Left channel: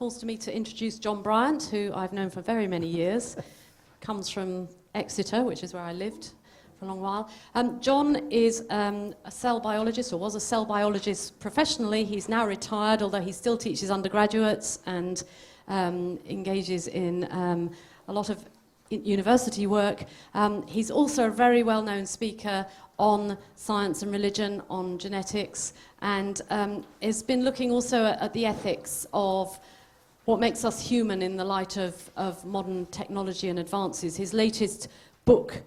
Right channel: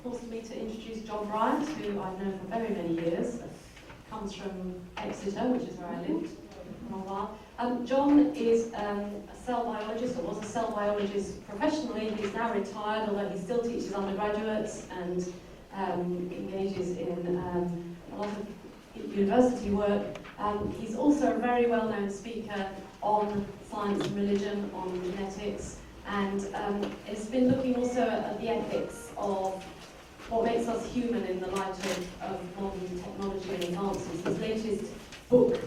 falls to me to introduce John Bryant, who I've known for very many years. Comes from Exeter, which is where I lived for a long while. John is a cell biologist, or was a cell biologist professionally. He's now retired, although he still teaches undergraduates and engages in a lot of university work. He's also a very well-known speaker on science and religion, on genetics, and has been looking also at the ethics of what makes us human in the light of modern technology and advances. His latest book,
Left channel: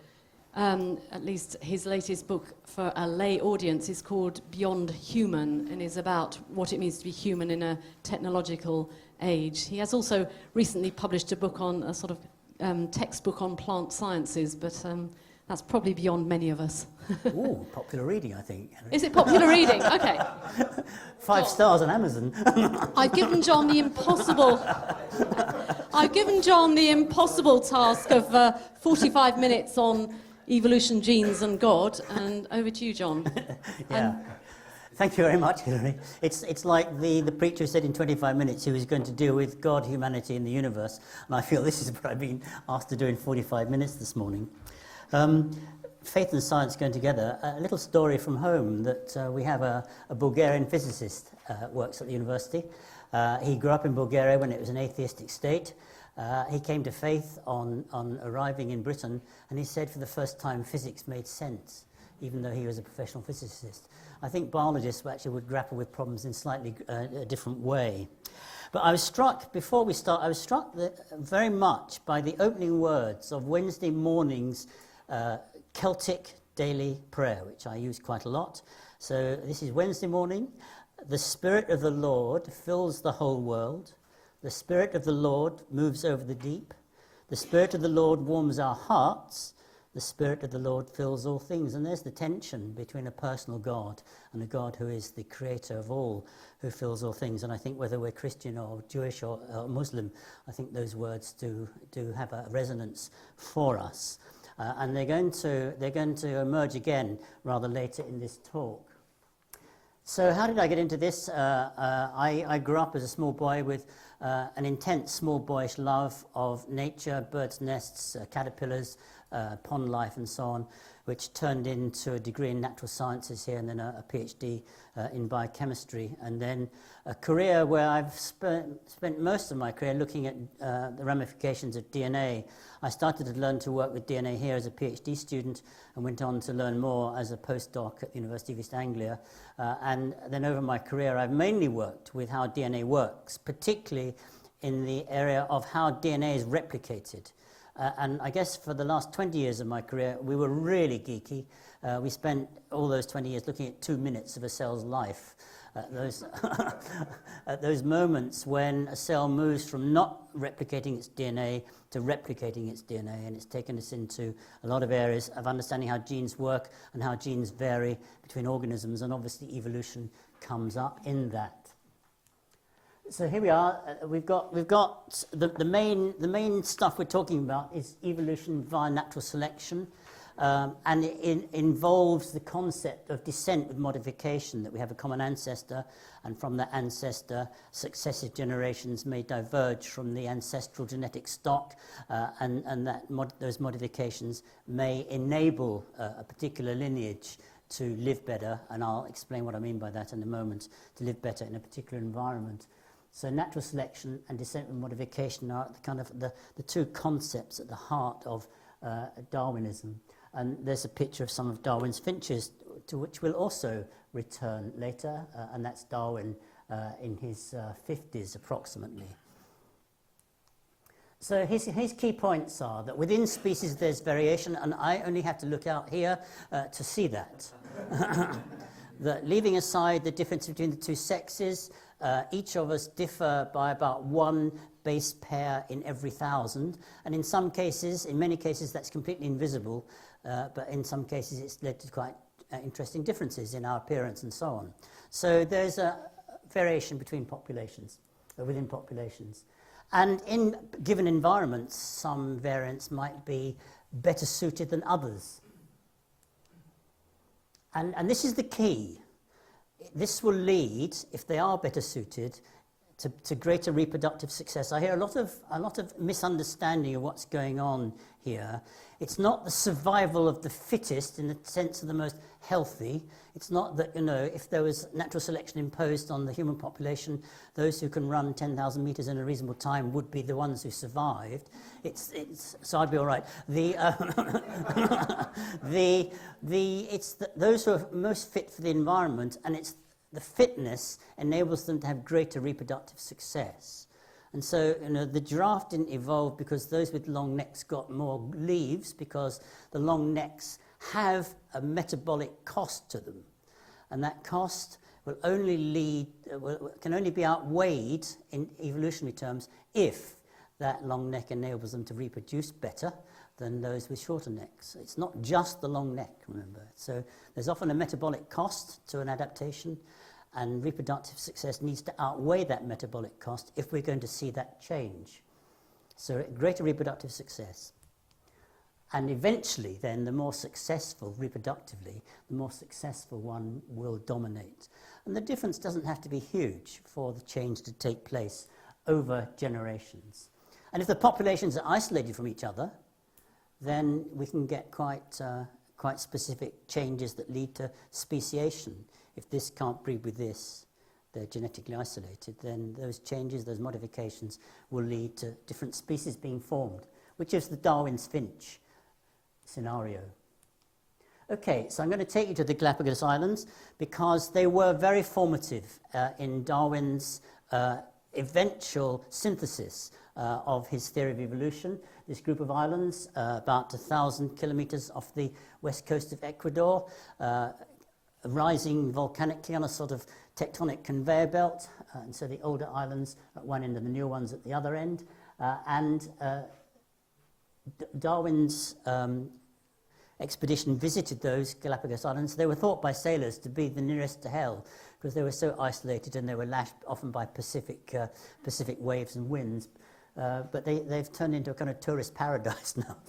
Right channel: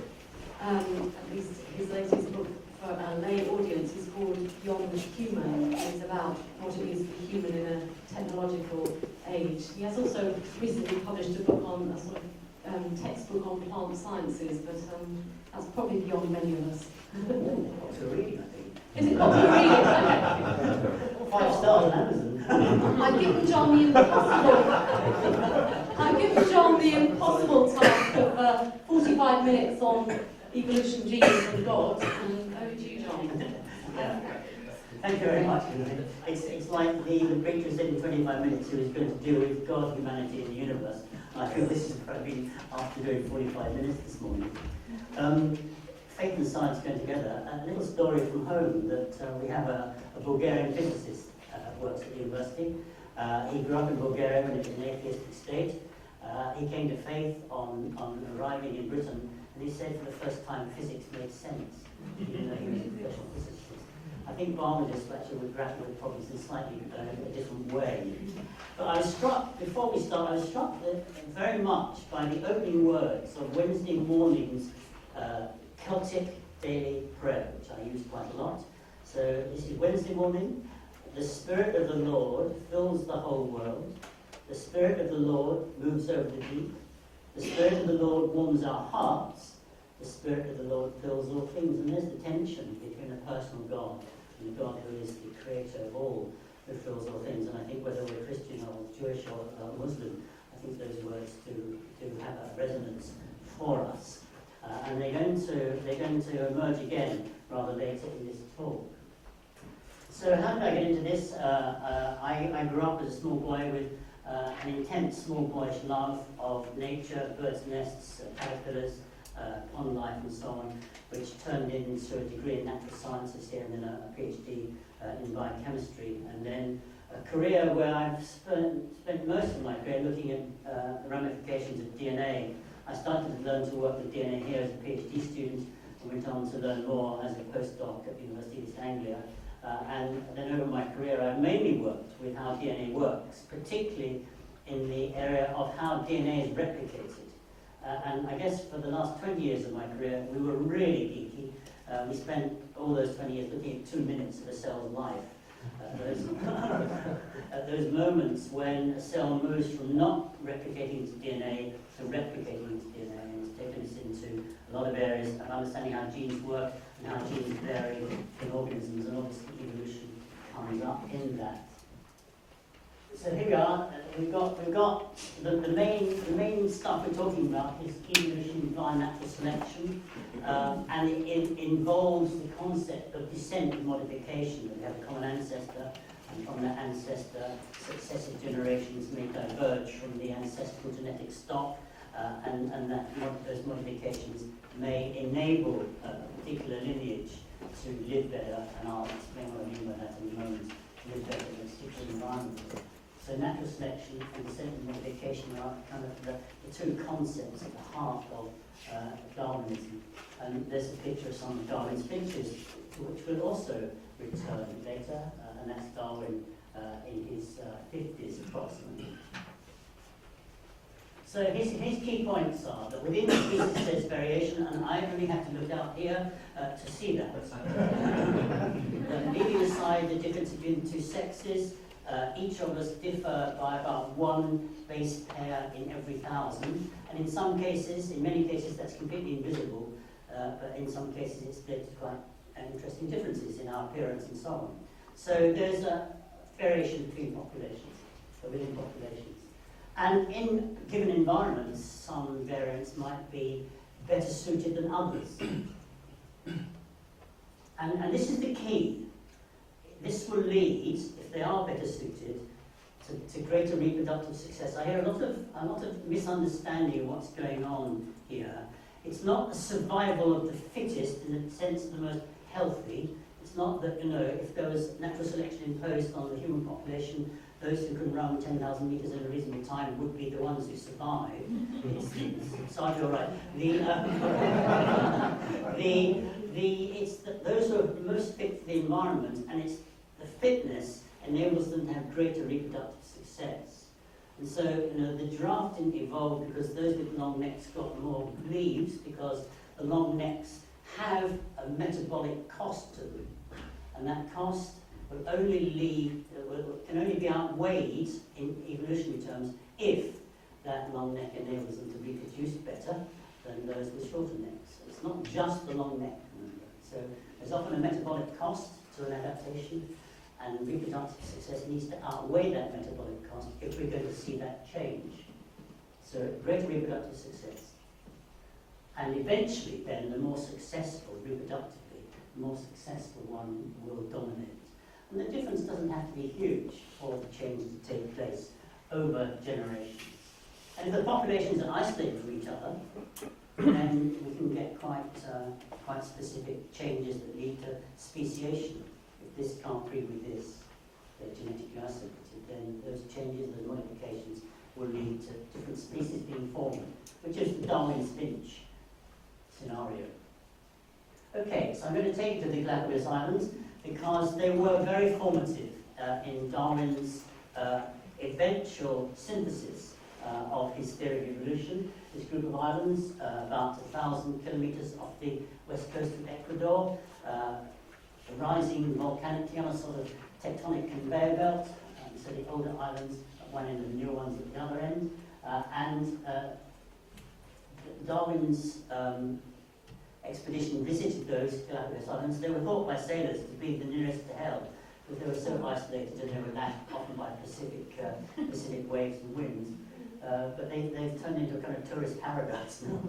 at least his latest book for a lay audience, is called Beyond Human. It's about what it means to be human in a technological age. He has also recently published a book on a sort of textbook on plant sciences, but that's probably beyond many of us. Ooh, popular reading, I think. Is it popular reading? Okay. 5 stars on Amazon. I've given John the impossible task of 45 minutes on evolution, genes and God, and over to you, John. Yeah. Thank you very much, Hilary. It's like the preacher said in 25 minutes he was going to deal with God, humanity and the universe, and I feel this is what I've been asked to do in 45 minutes this morning. Faith and science going together. A little story from home that we have a Bulgarian physicist works at the university. He grew up in Bulgaria when it was an atheistic state. He came to faith on arriving in Britain, and he said for the first time physics made sense, even though he was a professional physicist. I think biologists actually would grapple with problems in slightly a different way. But I was struck, before we start, I was struck very much by the opening words of Wednesday morning's Celtic daily prayer, which I use quite a lot. So this is Wednesday morning. The Spirit of the Lord fills the whole world. The Spirit of the Lord moves over the deep. The Spirit of the Lord warms our hearts. The Spirit of the Lord fills all things. And there's the tension between a personal God and a God who is the creator of all, who fills all things. And I think whether we're Christian or Jewish or Muslim, I think those words do have a resonance for us. And they're going to emerge again rather later in this talk. So how did I get into this? I grew up as a small boy with an intense small boyish love of nature, birds' nests, caterpillars, pond life and so on, which turned into a degree in natural sciences here and then a PhD in biochemistry, and then a career where I've spent most of my career looking at the ramifications of DNA. I started to learn to work with DNA here as a PhD student and went on to learn more as a postdoc at University of East Anglia. And then over my career, I mainly worked with how DNA works, particularly in the area of how DNA is replicated. And I guess for the last 20 years of my career, we were really geeky. We spent all those 20 years looking at 2 minutes of a cell's life. At those moments when a cell moves from not replicating its DNA to replicating its DNA, and it's taken us into a lot of areas of understanding how genes work and how genes vary between organisms, and obviously evolution comes up in that. So here we are. We've got the main stuff we're talking about is evolution via natural selection. And it involves the concept of descent and modification, that we have a common ancestor, and from that ancestor, successive generations may diverge from the ancestral genetic stock, and that those modifications may enable a particular lineage to live better, and I'll explain what I mean by that in a moment, to live better in a particular environment. So natural selection and descent and modification are kind of the two concepts at the heart of Darwinism. And there's a picture of some of Darwin's finches, to which we'll also return later, and that's Darwin in his 50s approximately. So his key points are that within species there's variation, and I only had to look out here to see that. That leaving aside the difference between the two sexes, each of us differ by about one base pair in every 1,000, and in some cases, in many cases, that's completely invisible, but in some cases it's led to quite interesting differences in our appearance and so on. So there's a variation between populations, within populations. And in given environments, some variants might be better suited than others. And this is the key. This will lead, if they are better suited, to greater reproductive success. I hear a lot of misunderstanding of what's going on here. It's not the survival of the fittest in the sense of the most healthy. It's not that, if there was natural selection imposed on the human population, those who can run 10,000 meters in a reasonable time would be the ones who survived. So I'd be all right. Those who are most fit for the environment, and it's the fitness enables them to have greater reproductive success. And so, the giraffe didn't evolve because those with long necks got more leaves, because the long necks have a metabolic cost to them. And that cost will can only be outweighed in evolutionary terms if that long neck enables them to reproduce better than those with shorter necks. It's not just the long neck, remember. So there's often a metabolic cost to an adaptation, and reproductive success needs to outweigh that metabolic cost if we're going to see that change. So greater reproductive success. And eventually then, the more successful reproductively, the more successful one will dominate. And the difference doesn't have to be huge for the change to take place over generations. And if the populations are isolated from each other, then we can get quite specific changes that lead to speciation. If this can't breed with this, they're genetically isolated, then those changes, those modifications, will lead to different species being formed, which is the Darwin's finch scenario. Okay, so I'm going to take you to the Galapagos Islands because they were very formative in Darwin's eventual synthesis of his theory of evolution. This group of islands, about 1,000 kilometers off the west coast of Ecuador, rising volcanically on a sort of tectonic conveyor belt, and so the older islands at one end and the newer ones at the other end. Darwin's expedition visited those Galapagos Islands. They were thought by sailors to be the nearest to hell because they were so isolated and they were lashed often by Pacific waves and winds. But they've turned into a kind of tourist paradise now.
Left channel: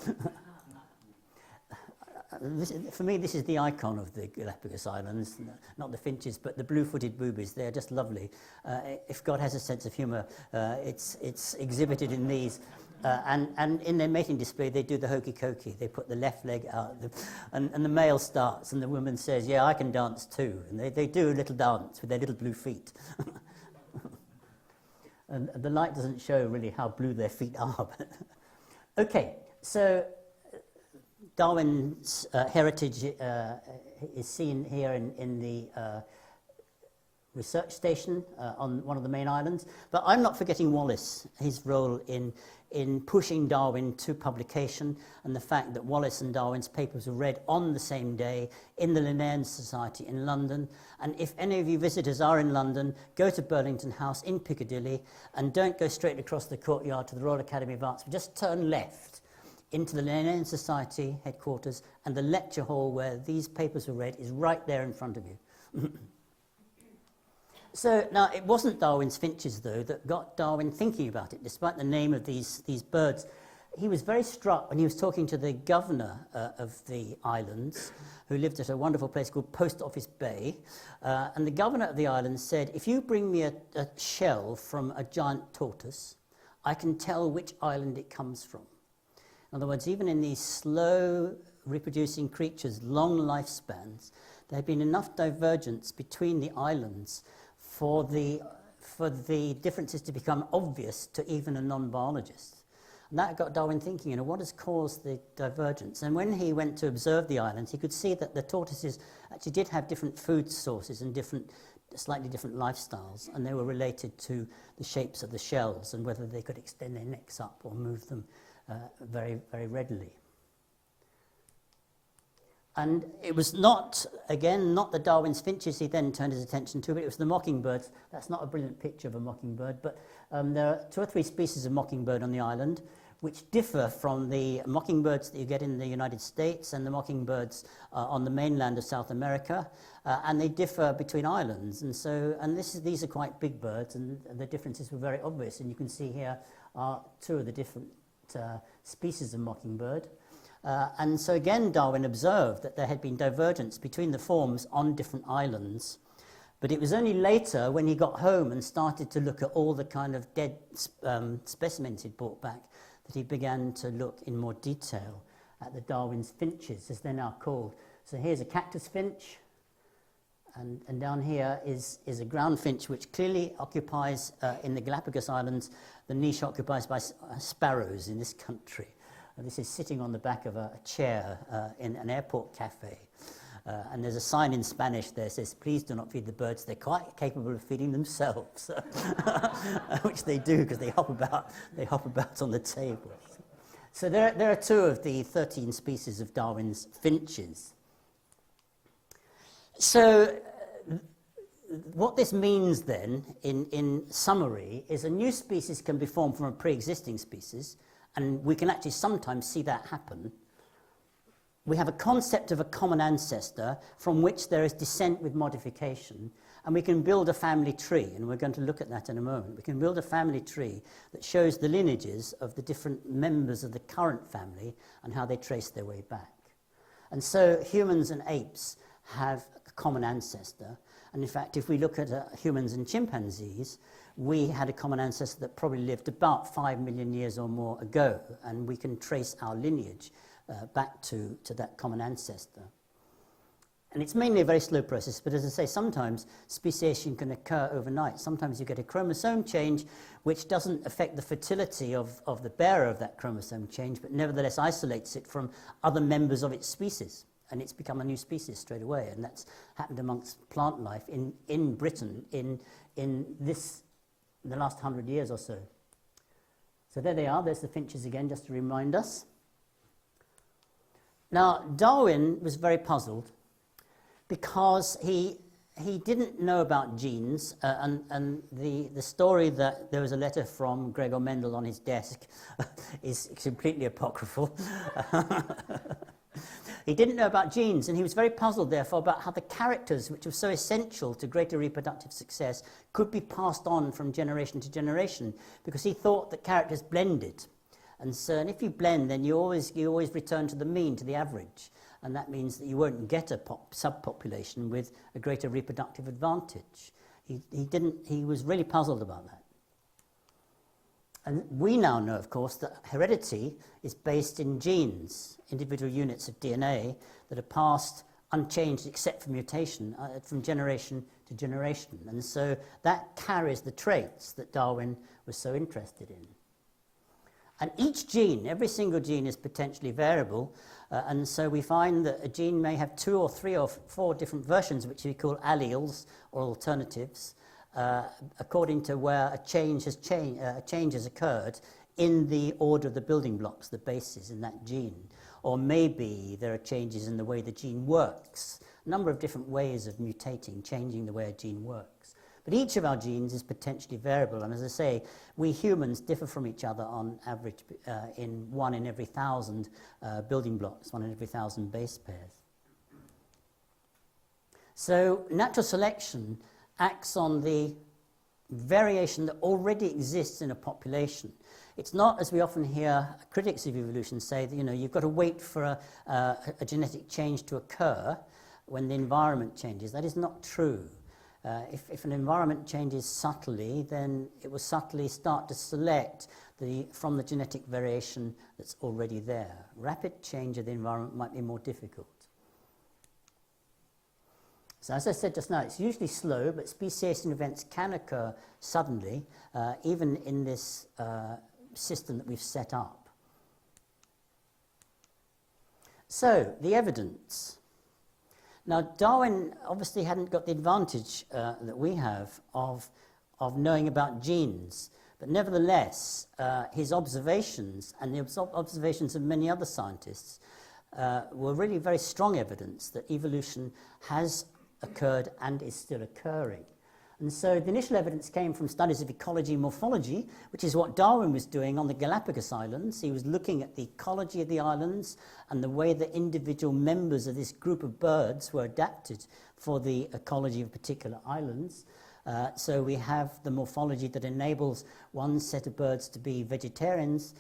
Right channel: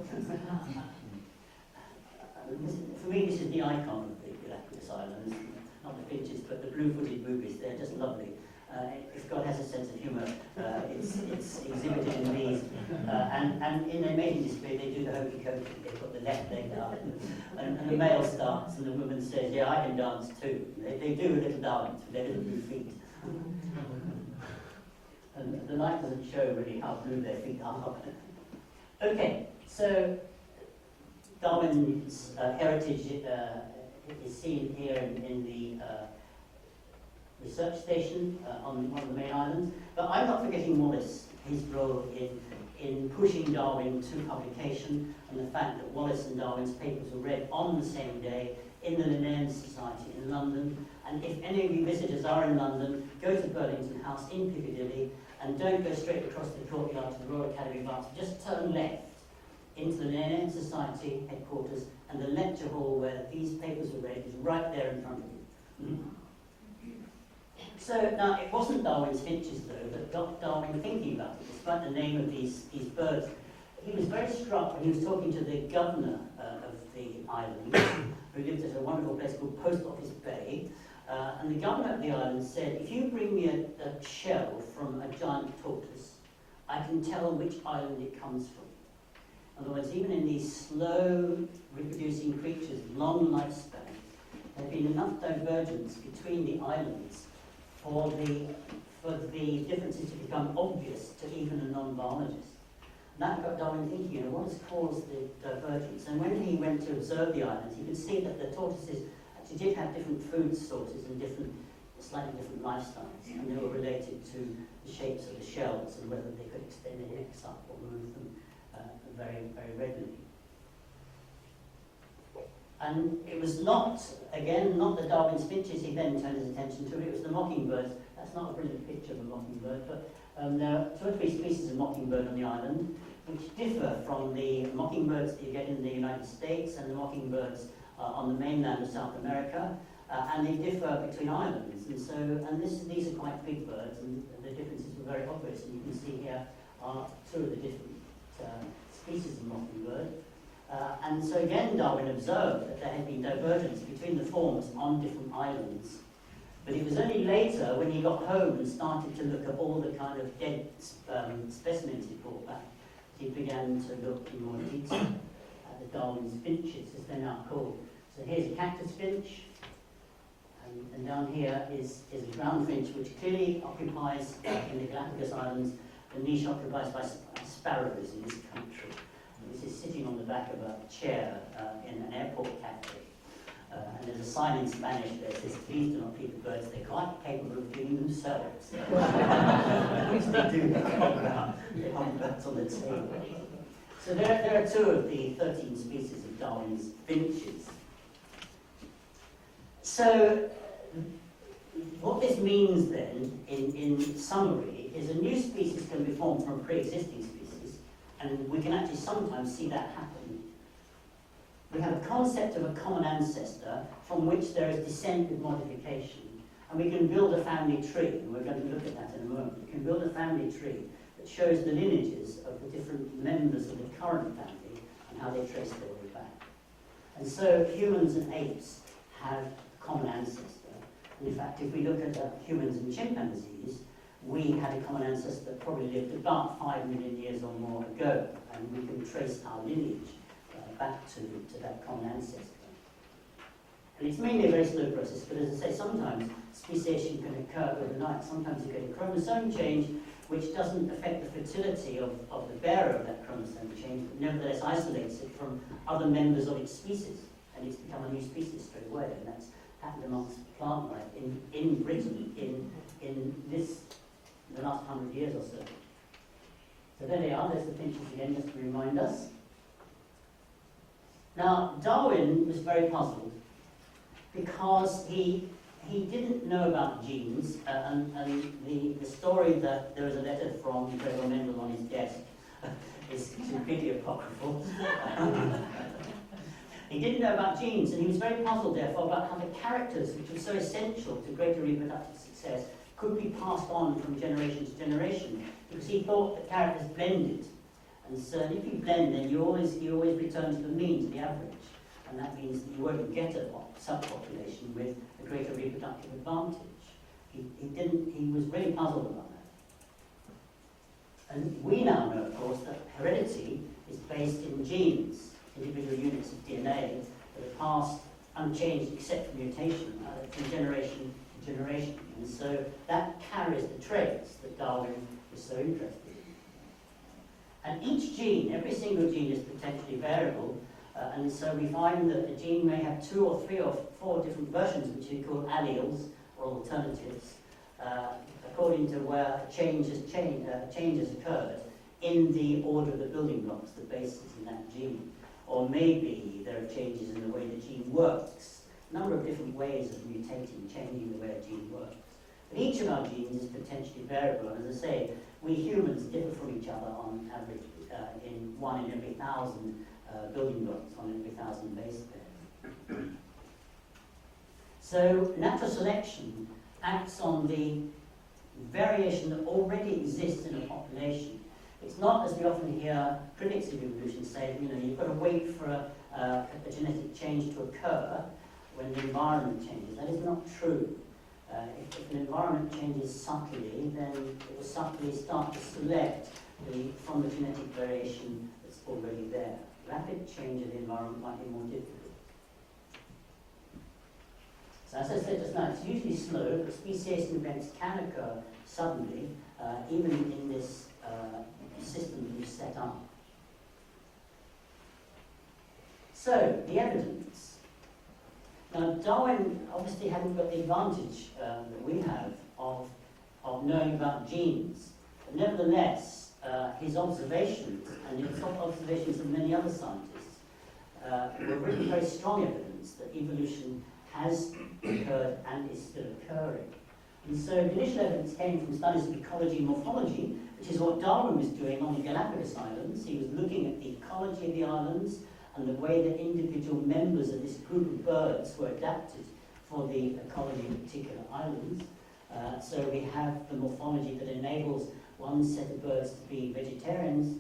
For me, this is the icon of the Galapagos Islands, not the finches, but the blue-footed boobies. They're just lovely. If God has a sense of humour, it's exhibited in these. And in their mating display, they do the hokey-cokey. They put the left leg out, and the male starts, and the woman says, "Yeah, I can dance too." And they do a little dance with their little blue feet. And the light doesn't show really how blue their feet are. Okay, so Darwin's heritage is seen here in the research station on one of the main islands. But I'm not forgetting Wallace, his role in pushing Darwin to publication, and the fact that Wallace and Darwin's papers were read on the same day in the Linnean Society in London. And if any of you visitors are in London, go to Burlington House in Piccadilly and don't go straight across the courtyard to the Royal Academy of Arts, but just turn left into the Linnean Society headquarters, and the lecture hall where these papers were read is right there in front of you. So now, it wasn't Darwin's finches, though, that got Darwin thinking about it, despite the name of these birds. He was very struck when he was talking to the governor of the island, who lived at a wonderful place called Post Office Bay, and the governor of the island said, "If you bring me a shell from a giant tortoise, I can tell which island it comes from." In other words, even in these slow reproducing creatures, long lifespans, there had been enough divergence between the islands for the differences to become obvious to even a non-biologist. And that got Darwin thinking, what has caused the divergence? And when he went to observe the islands, he could see that the tortoises actually did have different food sources and slightly different lifestyles, and they were related to the shapes of the shells and whether they could extend their necks up or move them very, very readily. And it was not the Darwin's finches he then turned his attention to, but it was the mockingbirds. That's not a brilliant picture of a mockingbird, but there are 2 or 3 species of mockingbird on the island, which differ from the mockingbirds that you get in the United States and the mockingbirds on the mainland of South America, and they differ between islands. And these are quite big birds, and the differences were very obvious. And you can see here are 2 of the different species of mockingbird. And so again, Darwin observed that there had been divergence between the forms on different islands. But it was only later, when he got home and started to look at all the kind of dead specimens he brought back, that he began to look in more detail at the Darwin's finches, as they're now called. So here's a cactus finch, and down here is a ground finch, which clearly occupies, in the Galapagos Islands, the niche occupied by sparrows in this country. And this is sitting on the back of a chair in an airport cafe. And there's a sign in Spanish there that says, please do not feed the birds, they're quite capable of feeding themselves. Which they do, because they hop about on the table. So there are 2 of the 13 species of Darwin's finches. So what this means then, in summary, is a new species can be formed from a pre-existing species, and we can actually sometimes see that happen. We have a concept of a common ancestor from which there is descent with modification, and we can build a family tree, and we're going to look at that in a moment. We can build a family tree that shows the lineages of the different members of the current family and how they trace their way back. And so humans and apes have a common ancestor, and in fact, if we look at humans and chimpanzees, we had a common ancestor that probably lived about 5 million years or more ago, and we can trace our lineage back to that common ancestor. And it's mainly a very slow process, but as I say, sometimes speciation can occur overnight. Sometimes you get a chromosome change which doesn't affect the fertility of the bearer of that chromosome change, but nevertheless isolates it from other members of its species, and it's become a new species straight away. And that's happened amongst plant life in Britain in the last 100 years or so. So there they are, there's the finches again, just to remind us. Now, Darwin was very puzzled because he didn't know about genes, and the story that there was a letter from Gregor Mendel on his desk is completely apocryphal. He didn't know about genes, and he was very puzzled, therefore, about how the characters, which were so essential to greater reproductive success, could be passed on from generation to generation, because he thought that characters blended. And so if you blend, then you always return to the mean, to the average. And that means that you won't get a subpopulation with a greater reproductive advantage. He was really puzzled about that. And we now know, of course, that heredity is based in genes, individual units of DNA that are passed unchanged except for mutation from generation to generation. And so that carries the traits that Darwin was so interested in. And each gene, every single gene, is potentially variable, and so we find that a gene may have 2 or 3 or 4 different versions, which we call alleles or alternatives, according to where a change has occurred in the order of the building blocks, the bases in that gene. Or maybe there are changes in the way the gene works, a number of different ways of mutating, changing the way a gene works. But each of our genes is potentially variable, and as I say, we humans differ from each other on average in 1 in every 1,000 building blocks, 1 in every 1,000 base pairs. So natural selection acts on the variation that already exists in a population. It's not, as we often hear critics of evolution say, that you've got to wait for a genetic change to occur when the environment changes. That is not true. If an environment changes subtly, then it will subtly start to select from the genetic variation that's already there. Rapid change of the environment might be more difficult. So as I said just now, it's usually slow, but speciation events can occur suddenly, even in this system that we've set up. So, the evidence. Now, Darwin obviously hadn't got the advantage that we have of knowing about genes, but nevertheless, his observations and the observations of many other scientists were really very strong evidence that evolution has occurred and is still occurring. And so the initial evidence came from studies of ecology and morphology, which is what Darwin was doing on the Galapagos Islands. He was looking at the ecology of the islands and the way that individual members of this group of birds were adapted for the ecology of particular islands. So we have the morphology that enables one set of birds to be vegetarians,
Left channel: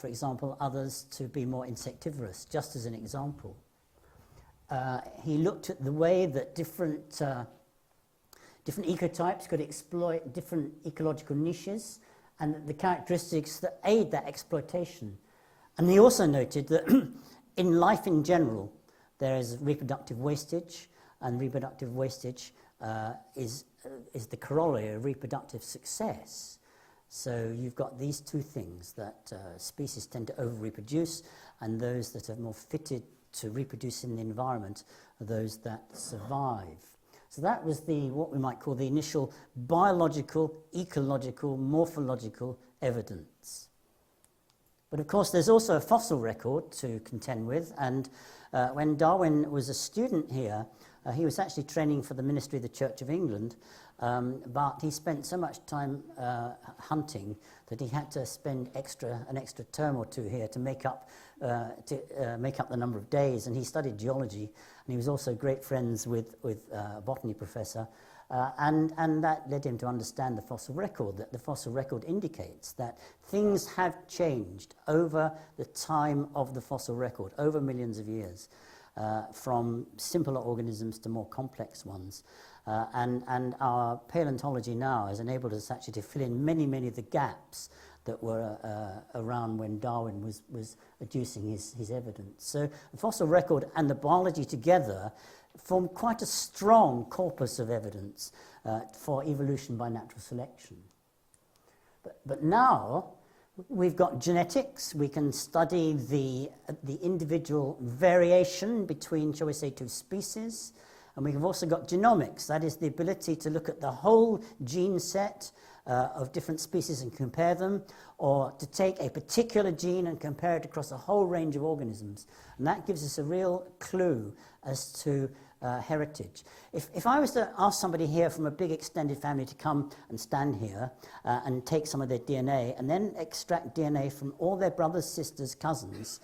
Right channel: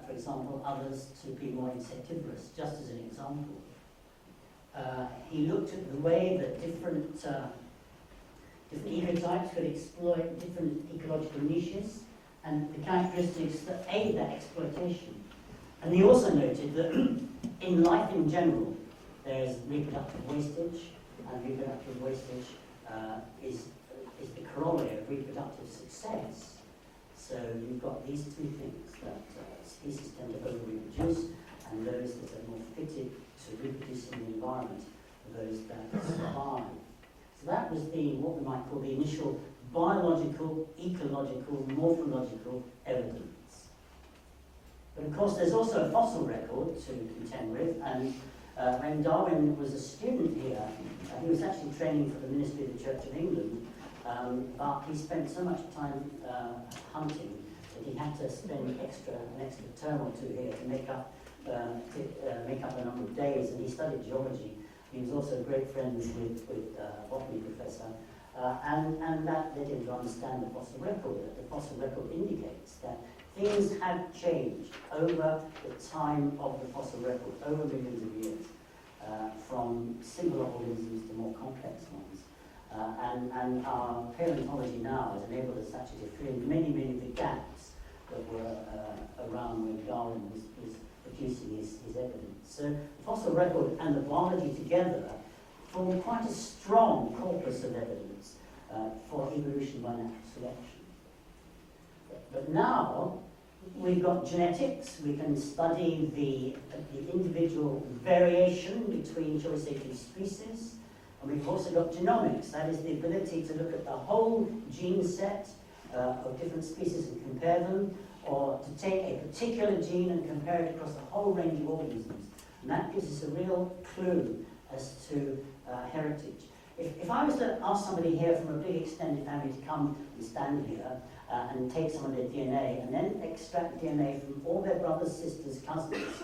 for example, others to be more insectivorous, just as an example. He looked at the way that different Different ecotypes could exploit different ecological niches and the characteristics that aid that exploitation. And he also noted that in life in general, there is reproductive wastage, and reproductive wastage is the corollary of reproductive success. So you've got these two things, that species tend to over-reproduce, and those that are more fitted to reproduce in the environment are those that survive. So that was what we might call the initial biological, ecological, morphological evidence. But of course there's also a fossil record to contend with, and when Darwin was a student here, he was actually training for the ministry of the Church of England, but he spent so much time hunting that he had to spend an extra term or two here to make up the number of days, and he studied geology, and he was also great friends with a botany professor, and that led him to understand the fossil record, that the fossil record indicates that things have changed over the time of the fossil record, over millions of years, from simpler organisms to more complex ones. And our paleontology now has enabled us actually to fill in many of the gaps that were around when Darwin was adducing his evidence. So the fossil record and the biology together form quite a strong corpus of evidence for evolution by natural selection. But now we've got genetics. We can study the individual variation between, shall we say, two species. And we've also got genomics. That is the ability to look at the whole gene set of different species and compare them, or to take a particular gene and compare it across a whole range of organisms. And that gives us a real clue as to heritage. If I was to ask somebody here from a big extended family to come and stand here and take some of their DNA and then extract DNA from all their brothers, sisters, cousins,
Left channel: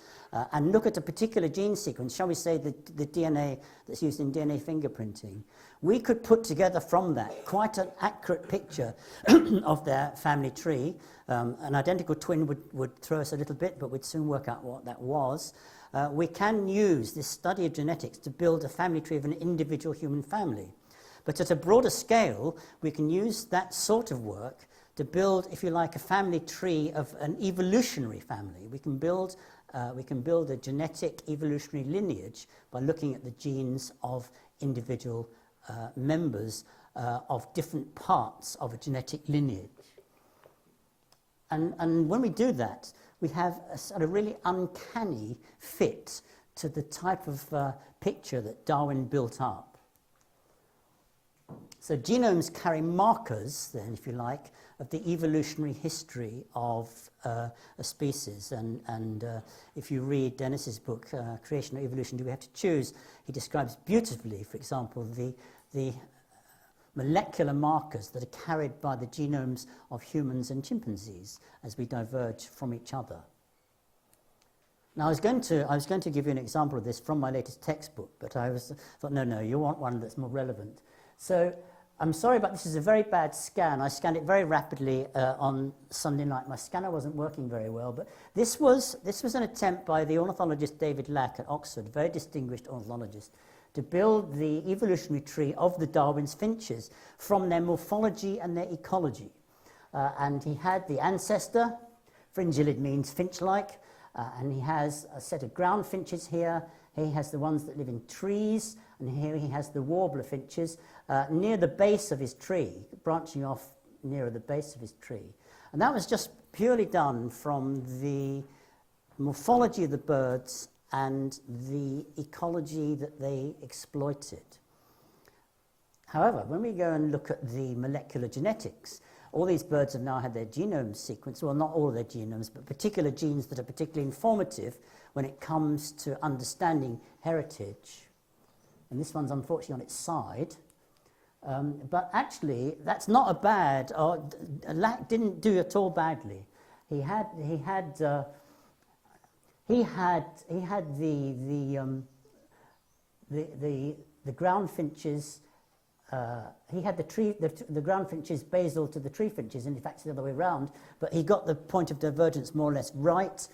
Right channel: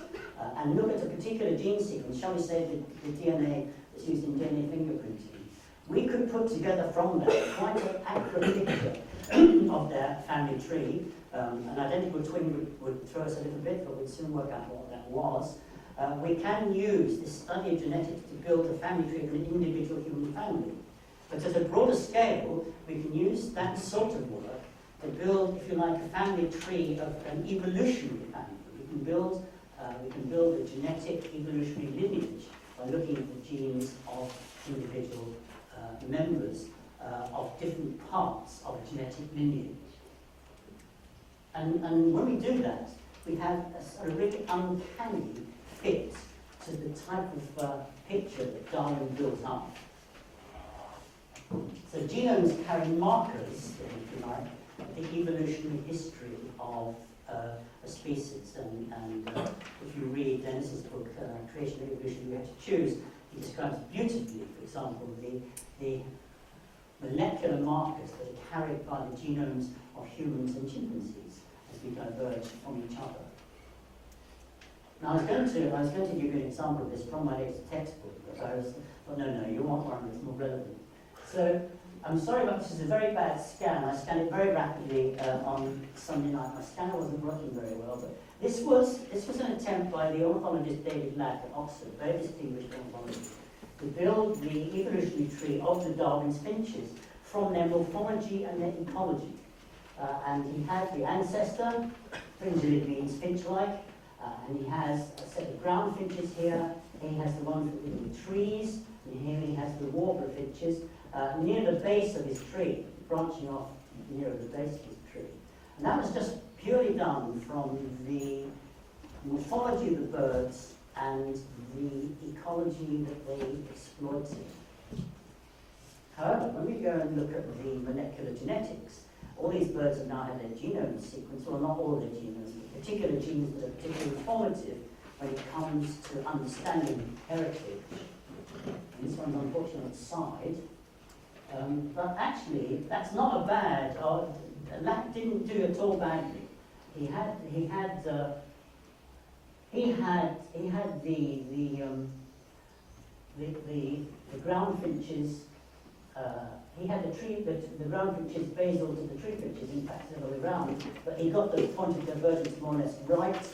and look at a particular gene sequence, shall we say the DNA that's used in DNA fingerprinting, we could put together from that quite an accurate picture of their family tree. An identical twin would throw us a little bit, but we'd soon work out what that was. We can use this study of genetics to build a family tree of an individual human family. But at a broader scale, we can use that sort of work to build, if you like, a family tree of an evolutionary family. We can build a genetic evolutionary lineage by looking at the genes of individual members of different parts of a genetic lineage. And when we do that, we have a sort of really uncanny fit to the type of picture that Darwin built up. So genomes carry markers, then, if you like, of the evolutionary history of a species. And if you read Dennis's book, Creation or Evolution, Do We Have to Choose, he describes beautifully, for example, the molecular markers that are carried by the genomes of humans and chimpanzees as we diverge from each other. Now, I was going to give you an example of this from my latest textbook, but I thought, no, you want one that's more relevant. So, I'm sorry, but this is a very bad scan. I scanned it very rapidly on Sunday night. My scanner wasn't working very well, but this was an attempt by the ornithologist David Lack at Oxford, a very distinguished ornithologist, to build the evolutionary tree of the Darwin's finches from their morphology and their ecology. And he had the ancestor, fringillid means finch-like, and he has a set of ground finches here. He has the ones that live in trees, and here he has the warbler finches near the base of his tree, branching off nearer the base of his tree. And that was just purely done from the morphology of the birds and the ecology that they exploited. However, when we go and look at the molecular genetics, all these birds have now had their genome sequenced, well, not all their genomes, but particular genes that are particularly informative when it comes to understanding heritage. And this one's unfortunately on its side. But actually, that's not a bad, Lack didn't do at all badly. He had the ground finches. He had the ground finches basal to the tree finches, in fact, the other way around. But he got the point of divergence more or less right.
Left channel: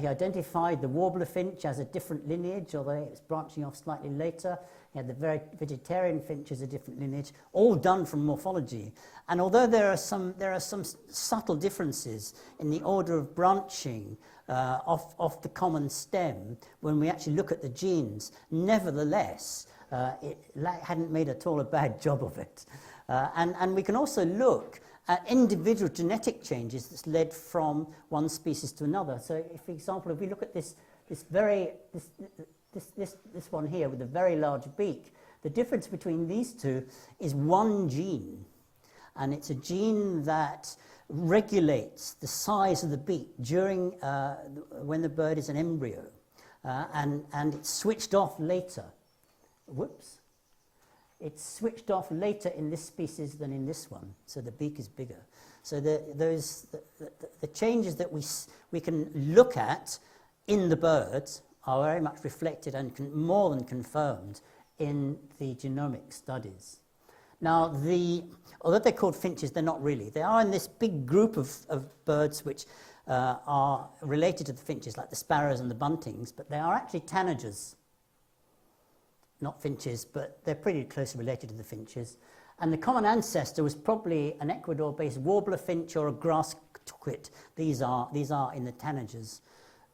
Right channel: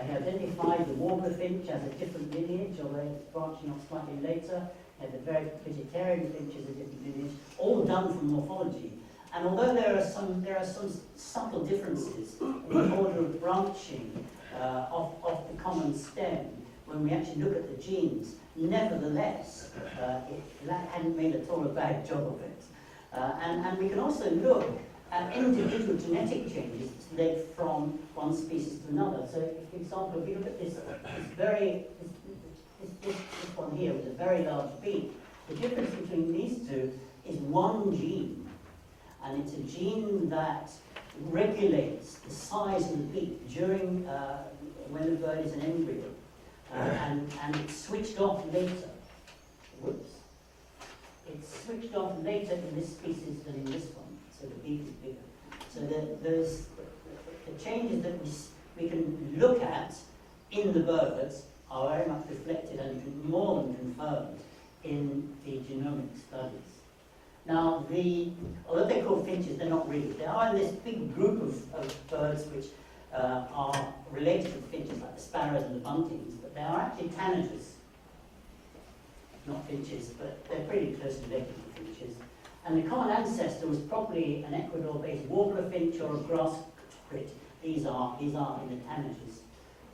He identified the warbler finch as a different lineage, although it's branching off slightly later. You had the very vegetarian finches, a different lineage, all done from morphology. And although there are some subtle differences in the order of branching of the common stem, when we actually look at the genes, nevertheless, it hadn't made at all a bad job of it. And we can also look at individual genetic changes that's led from one species to another. So, for example, if we look at this one here with a very large beak, the difference between these two is one gene. And it's a gene that regulates the size of the beak during when the bird is an embryo. And it's switched off later. Whoops. It's switched off later in this species than in this one, so the beak is bigger. So the changes that we can look at in the birds are very much reflected and more than confirmed in the genomic studies. Now, although they're called finches, they're not really. They are in this big group of birds which are related to the finches, like the sparrows and the buntings, but they are actually tanagers. Not finches, but they're pretty closely related to the finches. And the common ancestor was probably an Ecuador-based warbler finch or a grass quit. These are in the tanagers.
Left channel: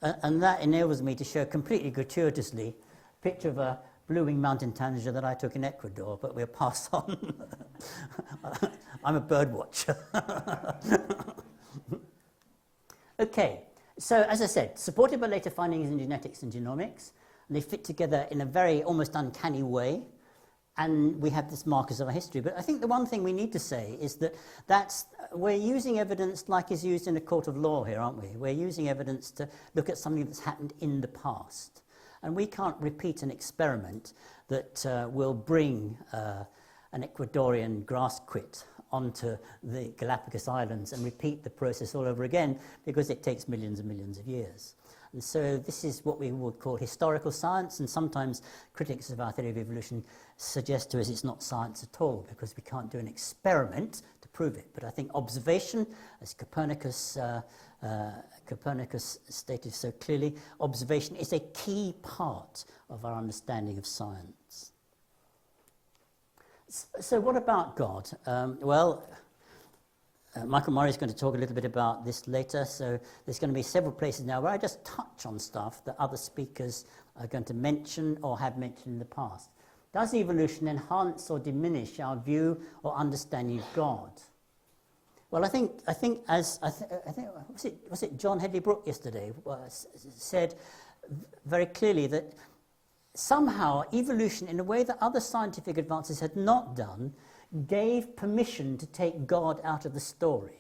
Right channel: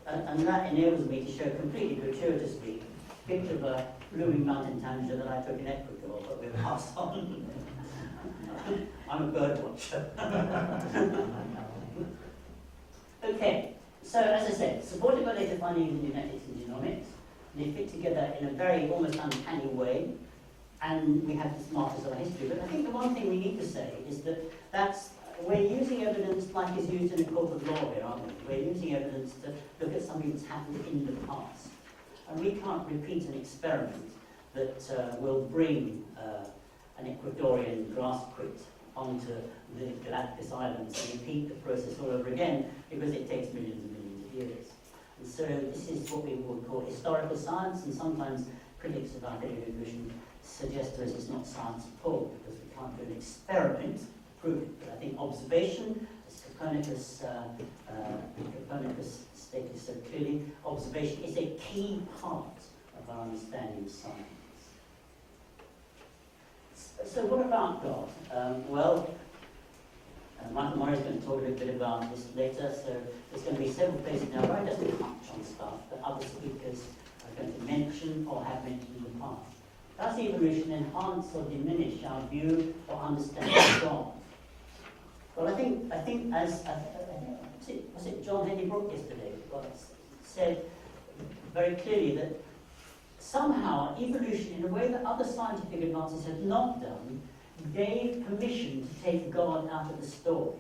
And that enables me to show completely gratuitously a picture of a blooming mountain tanager that I took in Ecuador, but we'll pass on. I'm a bird watcher. Okay, so as I said, supported by later findings in genetics and genomics, they fit together in a very almost uncanny way, and we have these markers of our history. But I think the one thing we need to say is that we're using evidence like is used in a court of law here, aren't we? We're using evidence to look at something that's happened in the past. And we can't repeat an experiment that will bring an Ecuadorian grass quit onto the Galapagos Islands and repeat the process all over again, because it takes millions and millions of years. And so this is what we would call historical science, and sometimes critics of our theory of evolution suggest to us it's not science at all, because we can't do an experiment to prove it. But I think observation, as Copernicus stated so clearly, observation is a key part of our understanding of science. So what about God? Michael Murray is going to talk a little bit about this later, so there's going to be several places now where I just touch on stuff that other speakers are going to mention or have mentioned in the past. Does evolution enhance or diminish our view or understanding of God? Well, I think was it John Hedley Brooke yesterday said very clearly that somehow evolution, in a way that other scientific advances had not done, gave permission to take God out of the story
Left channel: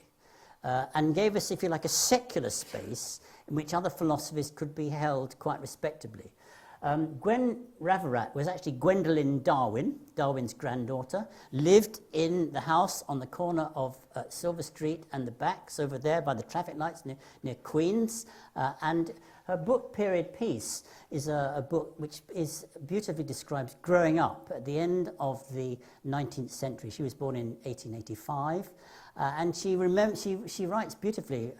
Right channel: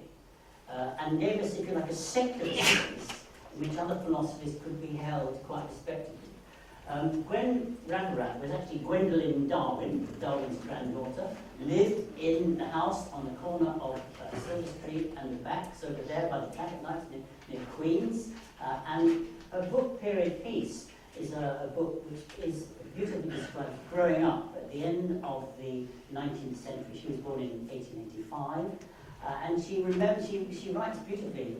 and gave us, if you like, a secular space in which other philosophies could be held quite respectably. Gwen Raverack was actually Gwendolyn Darwin, Darwin's granddaughter, lived in the house on the corner of Silver Street and the Backs over there by the traffic lights near Queens, and her book, Period Piece, is a book which is beautifully describes growing up at the end of the 19th century. She was born in 1885, and she writes beautifully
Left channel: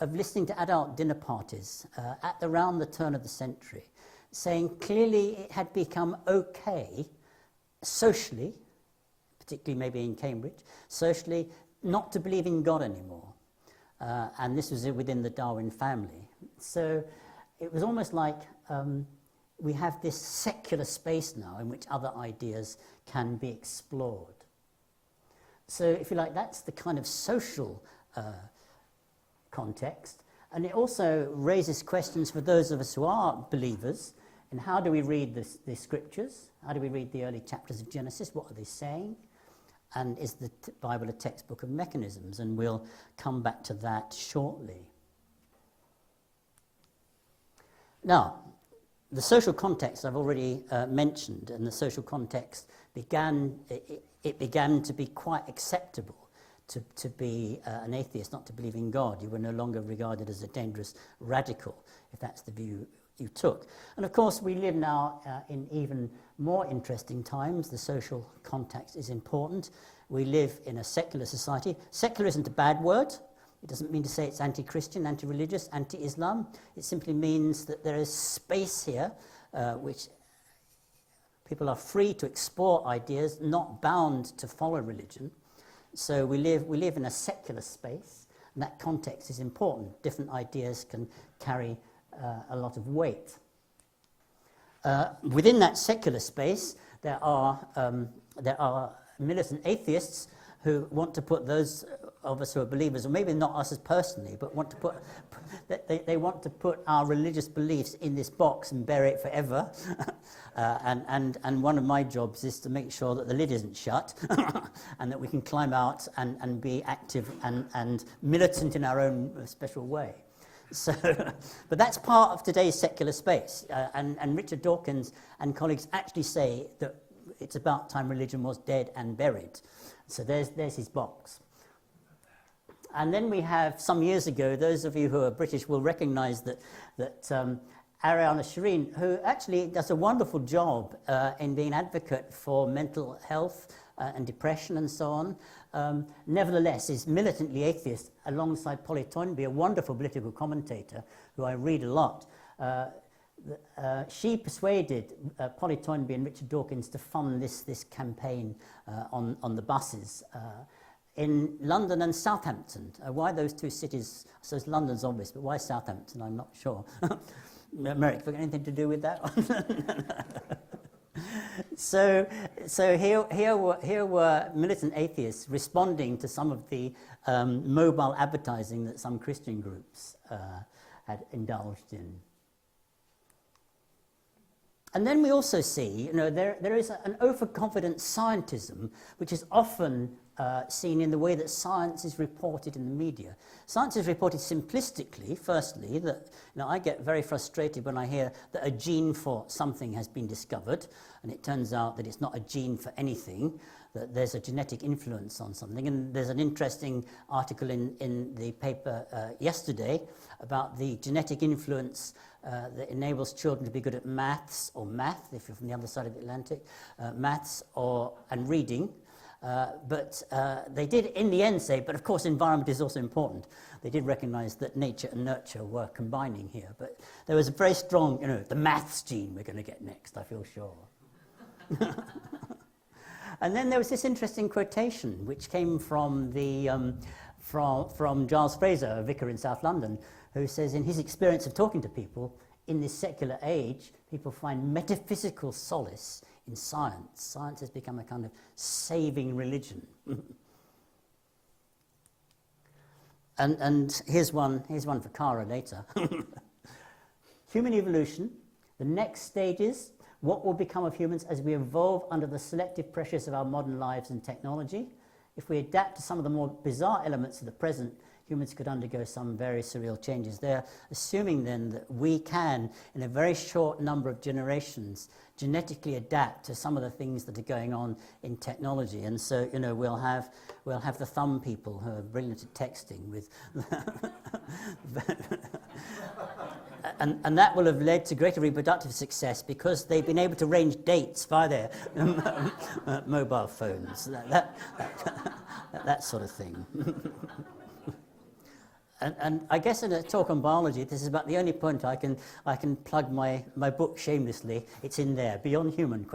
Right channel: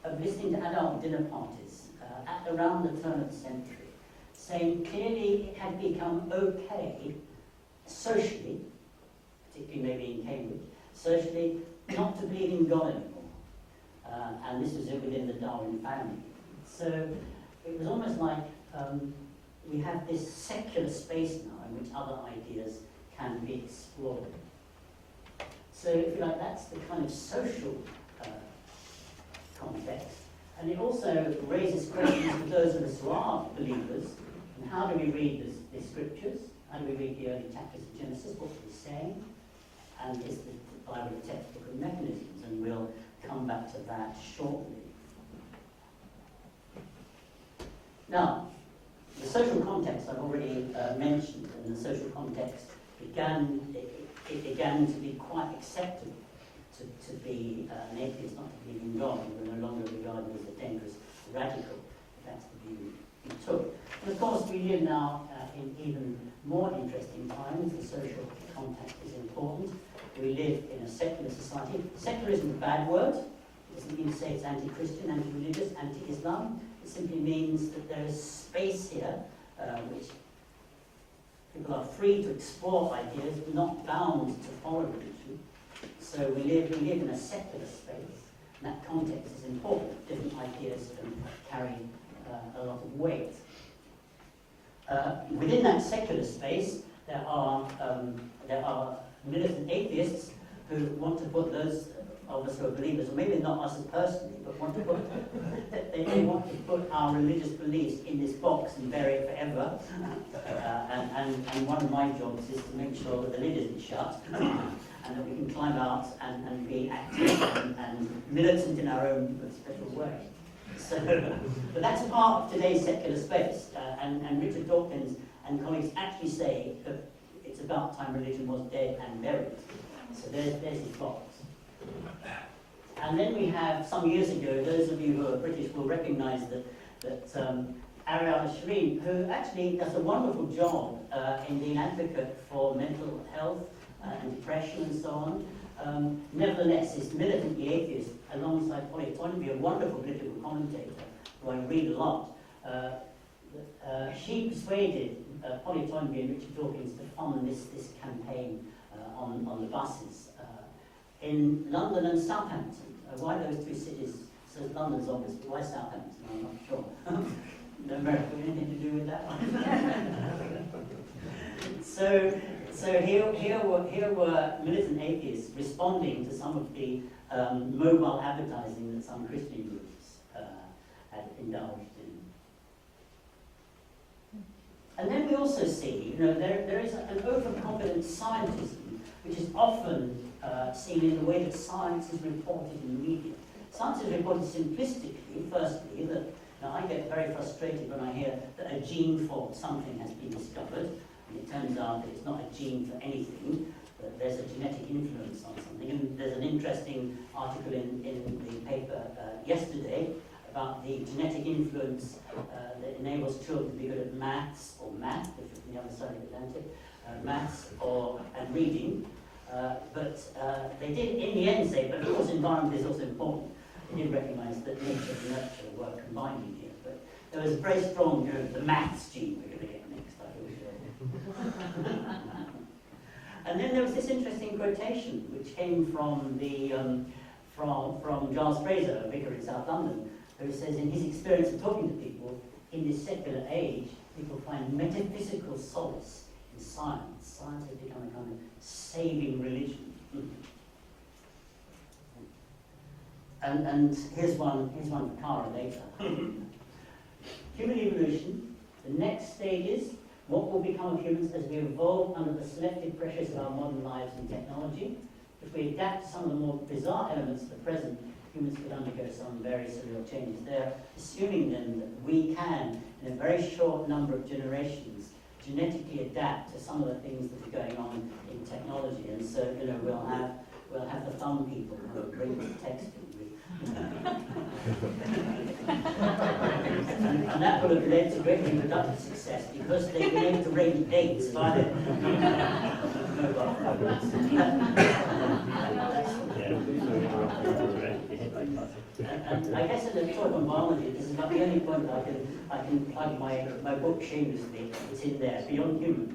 of listening to adult dinner parties at around the turn of the century, saying clearly it had become okay socially, particularly maybe in Cambridge, socially not to believe in God anymore. And this was within the Darwin family. So it was almost like we have this secular space now in which other ideas can be explored. So if you like, that's the kind of social context. And it also raises questions for those of us who are believers. And how do we read the scriptures? How do we read the early chapters of Genesis? What are they saying? And is the Bible a textbook of mechanisms? And we'll come back to that shortly. Now, the social context I've already mentioned, and the social context began to be quite acceptable to be an atheist, not to believe in God. You were no longer regarded as a dangerous radical, if that's the view you took. And of course, we live now in even more interesting times. The social context is important. We live in a secular society. Secular isn't a bad word. It doesn't mean to say it's anti-Christian, anti-religious, anti-Islam. It simply means that there is space here which People are free to explore ideas, not bound to follow religion. So we live in a secular space, and that context is important. Different ideas can carry a lot of weight. Within that secular space, there are militant atheists who want to put those of us who are believers, or maybe not us as personally, but want to put they want to put our religious beliefs in this box and bury it forever. And one of my jobs is to make sure that the lid isn't shut and that we can climb out and be active and militant in our own special way. So, but that's part of today's secular space. And Richard Dawkins and colleagues actually say that it's about time religion was dead and buried. So there's his box. And then we have, some years ago, those of you who are British will recognise that Ariella Shireen, who actually does a wonderful job in being an advocate for mental health and depression and so on, nevertheless is militantly atheist alongside Polly Toynbee, a wonderful political commentator who I read a lot. She persuaded Polly Toynbee and Richard Dawkins to fund this campaign on the buses in London and Southampton. Why those two cities? So London's obvious, but why Southampton? I'm not sure. America, anything to do with that? So here were militant atheists responding to some of the mobile advertising that some Christian groups had indulged in. And then we also see, there is an overconfident scientism, which is often seen in the way that science is reported in the media. Science is reported simplistically, firstly, that I get very frustrated when I hear that a gene for something has been discovered, and it turns out that it's not a gene for anything, that there's a genetic influence on something. And there's an interesting article in the paper yesterday about the genetic influence that enables children to be good at math, if you're from the other side of the Atlantic, maths and reading. But they did in the end say, but of course environment is also important. They did recognise that nature and nurture were combining here. But there was a very strong, the maths gene we're going to get next, I feel sure. And then there was this interesting quotation which came from from Giles Fraser, a vicar in South London, who says in his experience of talking to people, in this secular age, people find metaphysical solace in science. Science has become a kind of saving religion. And here's one for Cara later. Human evolution, the next stage is what will become of humans as we evolve under the selective pressures of our modern lives and technology. If we adapt to some of the more bizarre elements of the present, humans could undergo some very surreal changes. They're assuming then that we can, in a very short number of generations, genetically adapt to some of the things that are going on in technology. And so, we'll have the thumb people who are brilliant at texting with and that will have led to greater reproductive success because they've been able to arrange dates by their mobile phones. That sort of thing. And I guess in a talk on biology, this is about the only point I can plug my book shamelessly. It's in there, Beyond Human, ?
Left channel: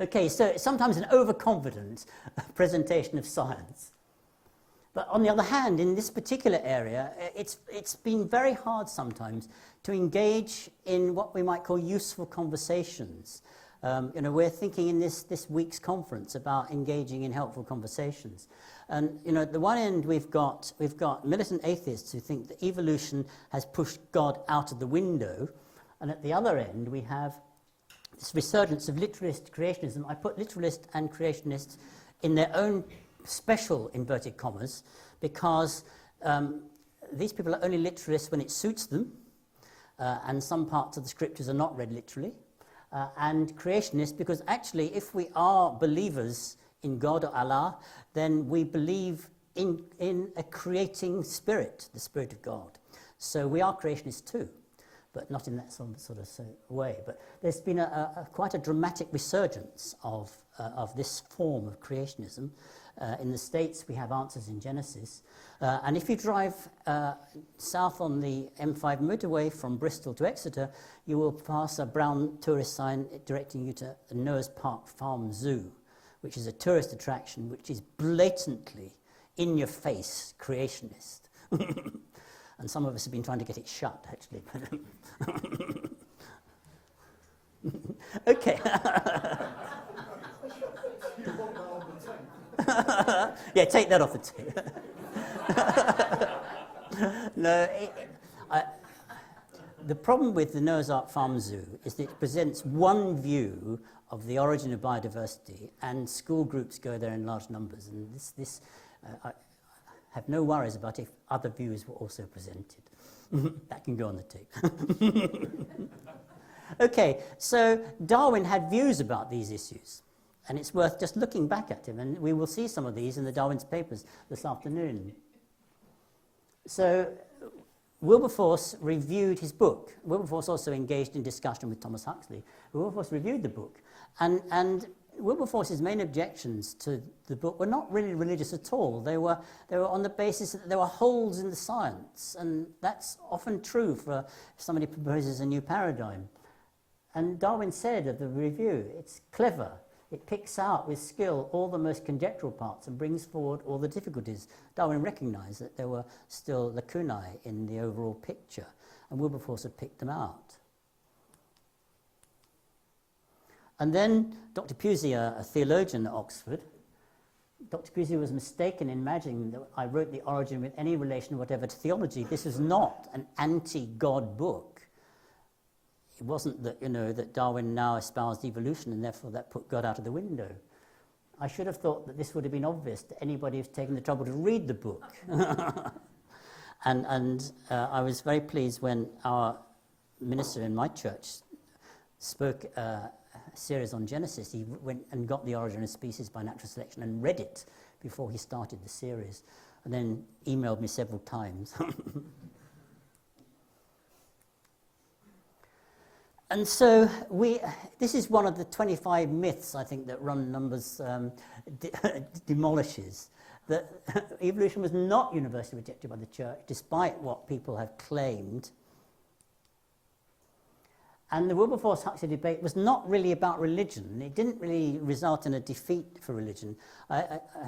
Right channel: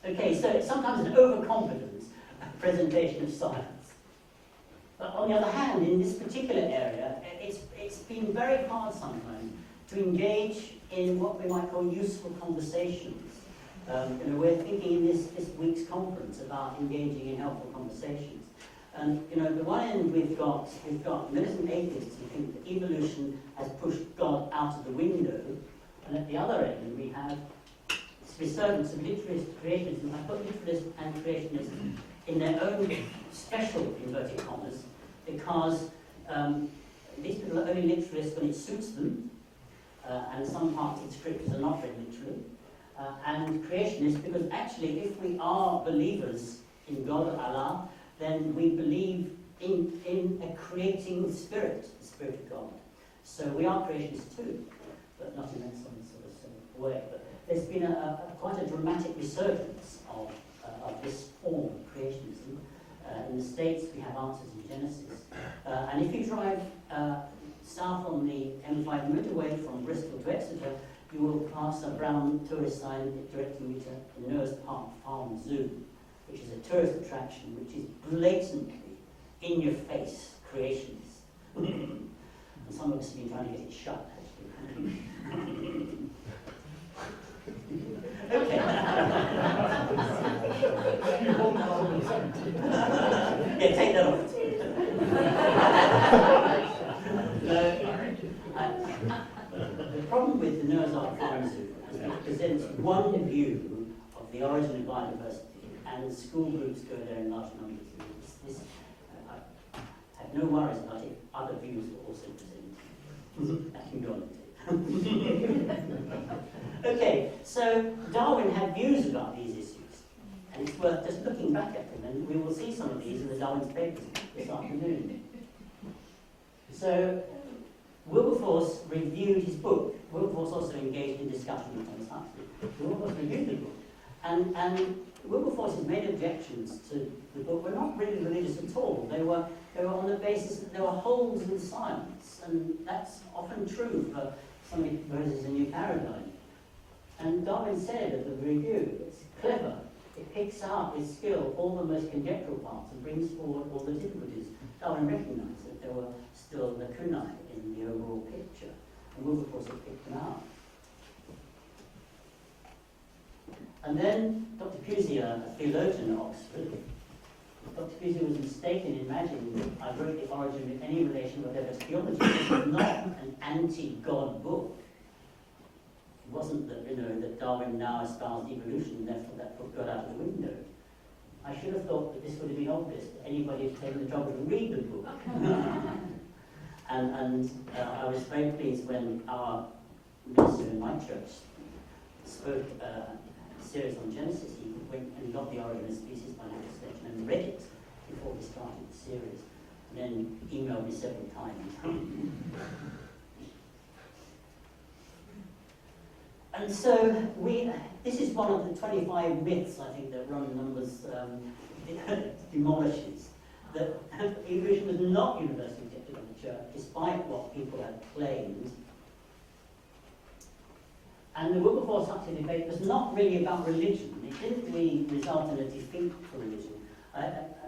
Okay, so sometimes an overconfident presentation of science. But on the other hand, in this particular area, it's been very hard sometimes to engage in what we might call useful conversations. We're thinking in this week's conference about engaging in helpful conversations. And at the one end we've got militant atheists who think that evolution has pushed God out of the window, and at the other end we have this resurgence of literalist creationism. I put literalist and creationists in their own special inverted commas because these people are only literalists when it suits them, and some parts of the scriptures are not read literally, and creationists because actually if we are believers in God or Allah, then we believe in a creating spirit, the Spirit of God. So we are creationists too, but not in that sort of way. But there's been quite a dramatic resurgence of this form of creationism, In the States, we have answers in Genesis. And if you drive south on the M5 motorway from Bristol to Exeter, you will pass a brown tourist sign directing you to Noah's Park Farm Zoo, which is a tourist attraction which is blatantly, in-your-face, creationist. And some of us have been trying to get it shut, actually. Okay. Yeah, take that off. No, the problem with the Noah's Ark Farm Zoo is that it presents one view of the origin of biodiversity, and school groups go there in large numbers. And I have no worries about if other views were also presented. That can go on the tape. Okay, so Darwin had views about these issues, and it's worth just looking back at them, and we will see some of these in the Darwin's papers this afternoon. So Wilberforce reviewed his book. Wilberforce also engaged in discussion with Thomas Huxley. Wilberforce reviewed the book, and Wilberforce's main objections to the book were not really religious at all. They were on the basis that there were holes in the science, and that's often true for somebody who proposes a new paradigm. And Darwin said of the review, it's clever. It picks out with skill all the most conjectural parts and brings forward all the difficulties. Darwin recognised that there were still lacunae in the overall picture, and Wilberforce had picked them out. And then Dr. Pusey, a theologian at Oxford, Dr. Pusey was mistaken in imagining that I wrote The Origin with any relation whatever to theology. This is not an anti-God book. It wasn't that, that Darwin now espoused evolution and therefore that put God out of the window. I should have thought that this would have been obvious to anybody who's taken the trouble to read the book. and I was very pleased when our minister in my church spoke a series on Genesis. He went and got The Origin of Species by Natural Selection and read it before he started the series, and then emailed me several times. And so this is one of the 25 myths, I think, that Run Numbers demolishes, that evolution was not universally rejected by the church, despite what people have claimed. And the Wilberforce-Huxley debate was not really about religion. It didn't really result in a defeat for religion. I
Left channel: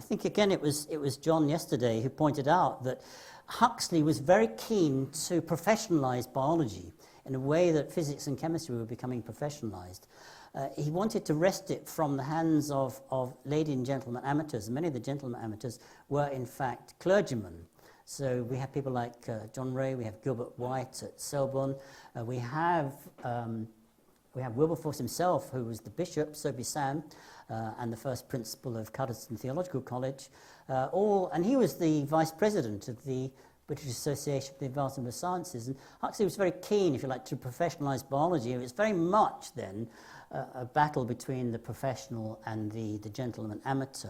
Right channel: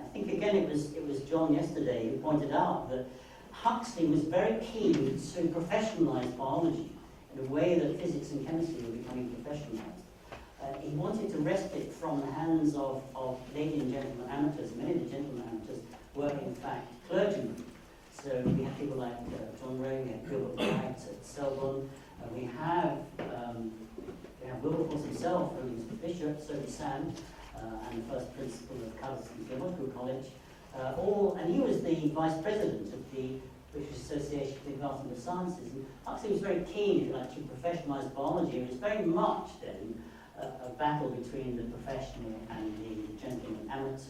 think, again, it was John yesterday who pointed out that Huxley was very keen to professionalise biology in a way that physics and chemistry were becoming professionalised. He wanted to wrest it from the hands of lady and gentlemen amateurs. Many of the gentlemen amateurs were, in fact, clergymen. So we have people like John Ray, we have Gilbert Bryant at Selborne, we have Wilberforce himself, who was the bishop, Sir Bissan, and the first principal of Cuddesdon Theological College, and he was the vice president of the British Association for the Advancement of Sciences. And Huxley was very keen, if you like, to professionalise biology. It was very much then a battle between the professional and the gentleman amateur,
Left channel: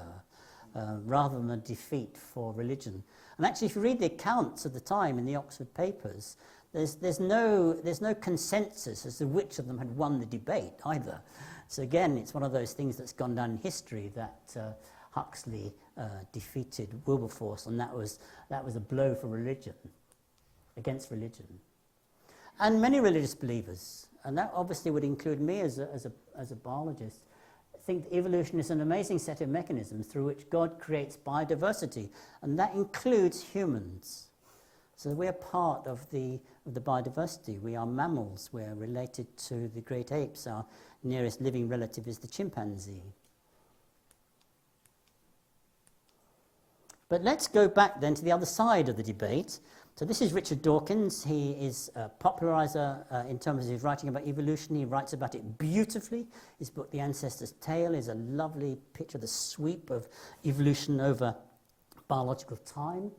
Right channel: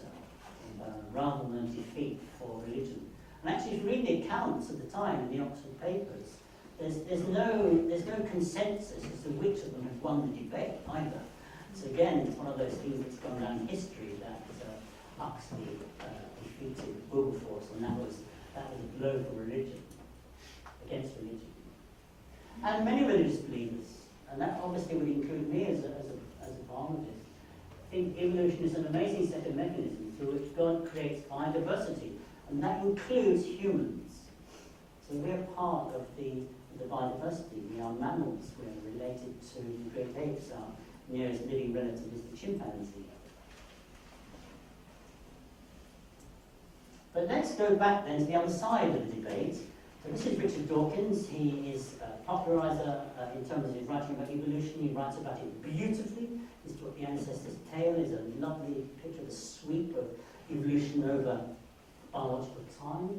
rather than a defeat for religion. And actually, if you read the accounts of the time in the Oxford papers, there's no consensus as to which of them had won the debate either. So again, it's one of those things that's gone down in history that Huxley defeated Wilberforce, and that was a blow for religion, against religion. And many religious believers, and that obviously would include me as a biologist, think evolution is an amazing set of mechanisms through which God creates biodiversity, and that includes humans. So we're part of the biodiversity. We are mammals. We're related to the great apes. Our nearest living relative is the chimpanzee. But let's go back then to the other side of the debate. So this is Richard Dawkins. He is a populariser in terms of his writing about evolution. He writes about it beautifully. His book, The Ancestor's Tale, is a lovely picture of the sweep of evolution over biological time.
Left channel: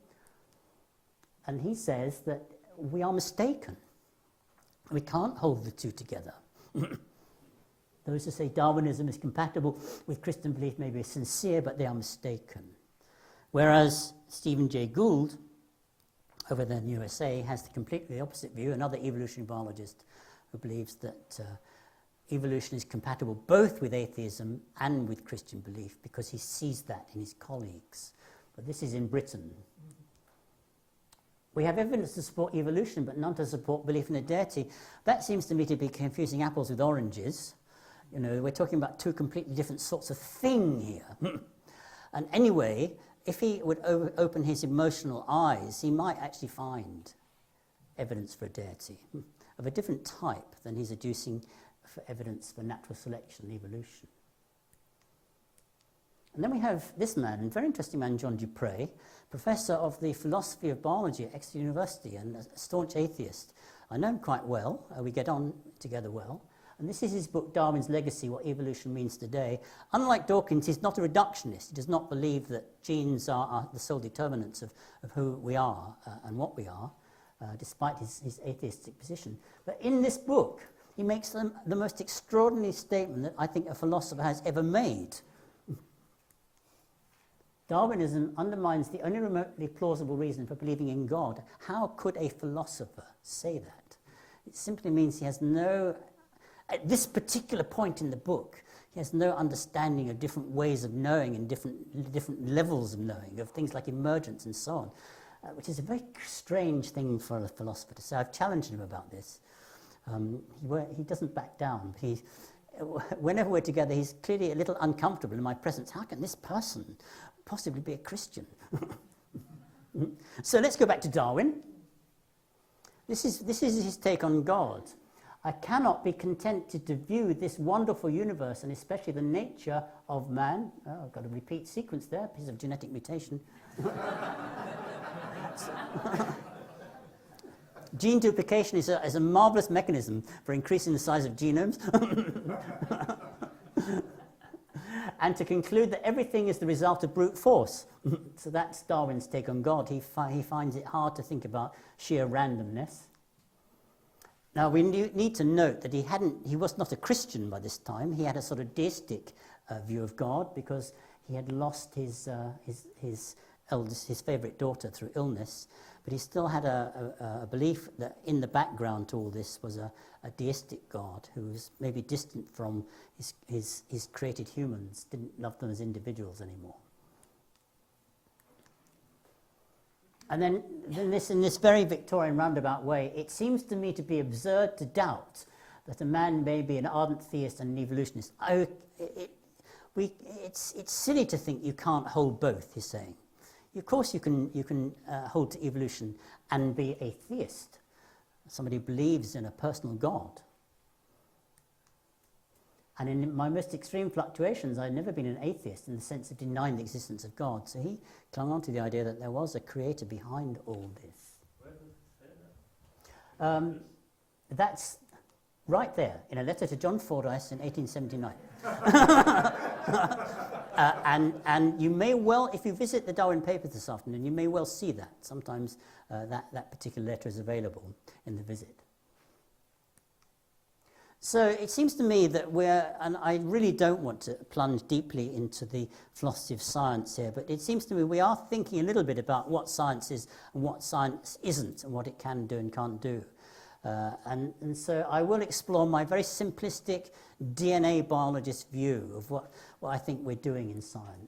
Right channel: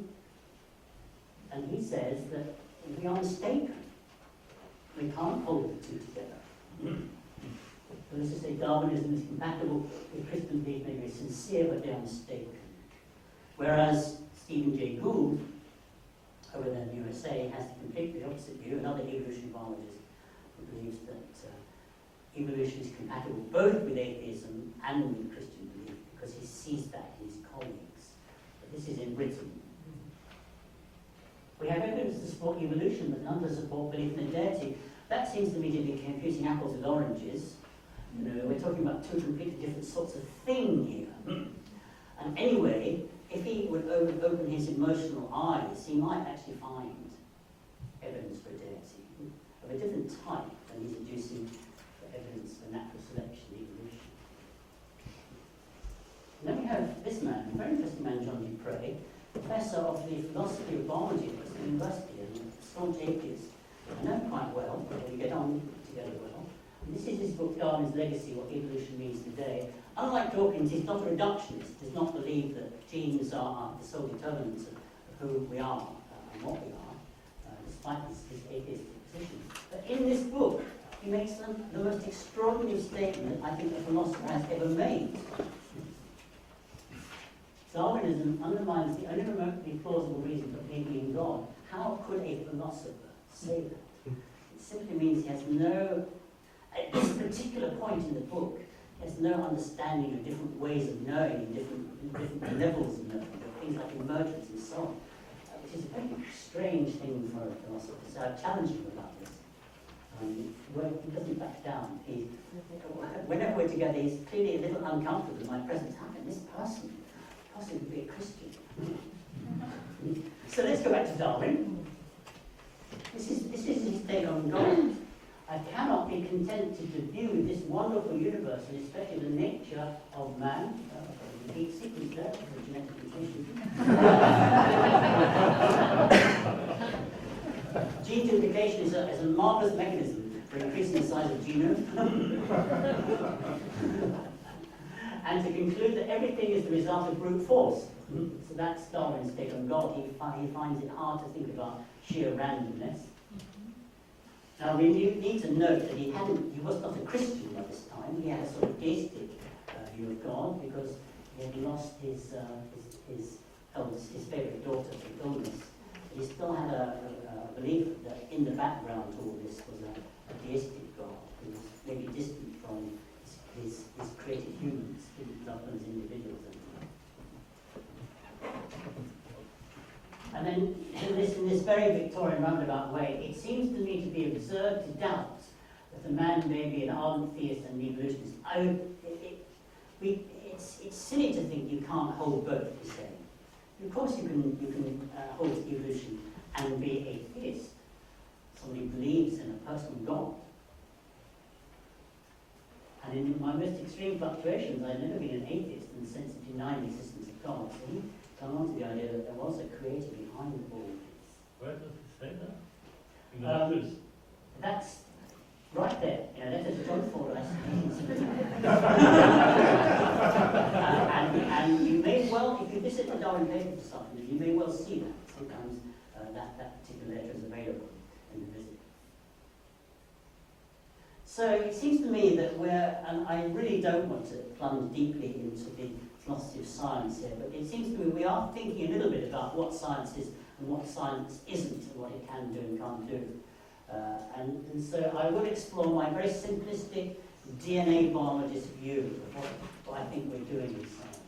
And he says that we are mistaken. We can't hold the two together. Those who say Darwinism is compatible with Christian belief may be sincere, but they are mistaken. Whereas Stephen Jay Gould, over there in the USA, has the completely opposite view, another evolution biologist who believes that evolution is compatible both with atheism and with Christian belief, because he sees that in his colleagues. But this is in Britain. We have evidence to support evolution, but none to support belief in a deity. That seems to me to be confusing apples with oranges. You know, we're talking about two completely different sorts of thing here. And anyway, if he would open his emotional eyes, he might actually find evidence for a deity of a different type than he's adducing for evidence for natural selection, evolution. And then we have this man, a very interesting man, John Dupre, professor of the philosophy of biology at Exeter University and a staunch atheist. I know him quite well, and we get on together well. And this is his book, Darwin's Legacy, What Evolution Means Today. Unlike Dawkins, he's not a reductionist. He does not believe that genes are the sole determinants of who we are and what we are, despite his atheistic position. But in this book, he makes the most extraordinary statement that I think a philosopher has ever made. Darwinism undermines the only remotely plausible reason for believing in God. How could a philosopher say that? It simply means he has no, at this particular point in the book, he has no understanding of different ways of knowing and different levels of knowing, of things like emergence and so on, which is a very strange thing for a philosopher to say. I've challenged him about this. He doesn't back down. Whenever we're together, he's clearly a little uncomfortable in my presence. How can this person possibly be a Christian? So let's go back to Darwin. This is his take on God. I cannot be contented to view this wonderful universe, and especially the nature of man. Oh, I've got a repeat sequence there. There's a genetic mutation. Gene duplication is a marvelous mechanism for increasing the size of genomes. And to conclude that everything is the result of brute force. So that's Darwin's take on God. He finds it hard to think about sheer randomness. Now we need to note that he was not a Christian by this time. He had a sort of deistic view of God because he had lost his favourite daughter through illness. But he still had a belief that in the background to all this was a deistic God who was maybe distant from his created humans, didn't love them as individuals anymore. And then in this very Victorian roundabout way, it seems to me to be absurd to doubt that a man may be an ardent theist and an evolutionist. It's silly to think you can't hold both, he's saying. Of course you can hold to evolution and be a theist, somebody who believes in a personal God. And in my most extreme fluctuations, I've never been an atheist in the sense of denying the existence of God. So he clung on to the idea that there was a creator behind all this. Where does it say that? That's right there, in a letter to John Fordyce in 1879. And you may well, if you visit the Darwin Papers this afternoon, you may well see that. Sometimes that particular letter is available in the visit. So it seems to me that and I really don't want to plunge deeply into the philosophy of science here, but it seems to me we are thinking a little bit about what science is and what science isn't, and what it can do and can't do. And so I will explore my very simplistic DNA biologist view of what I think we're doing in science.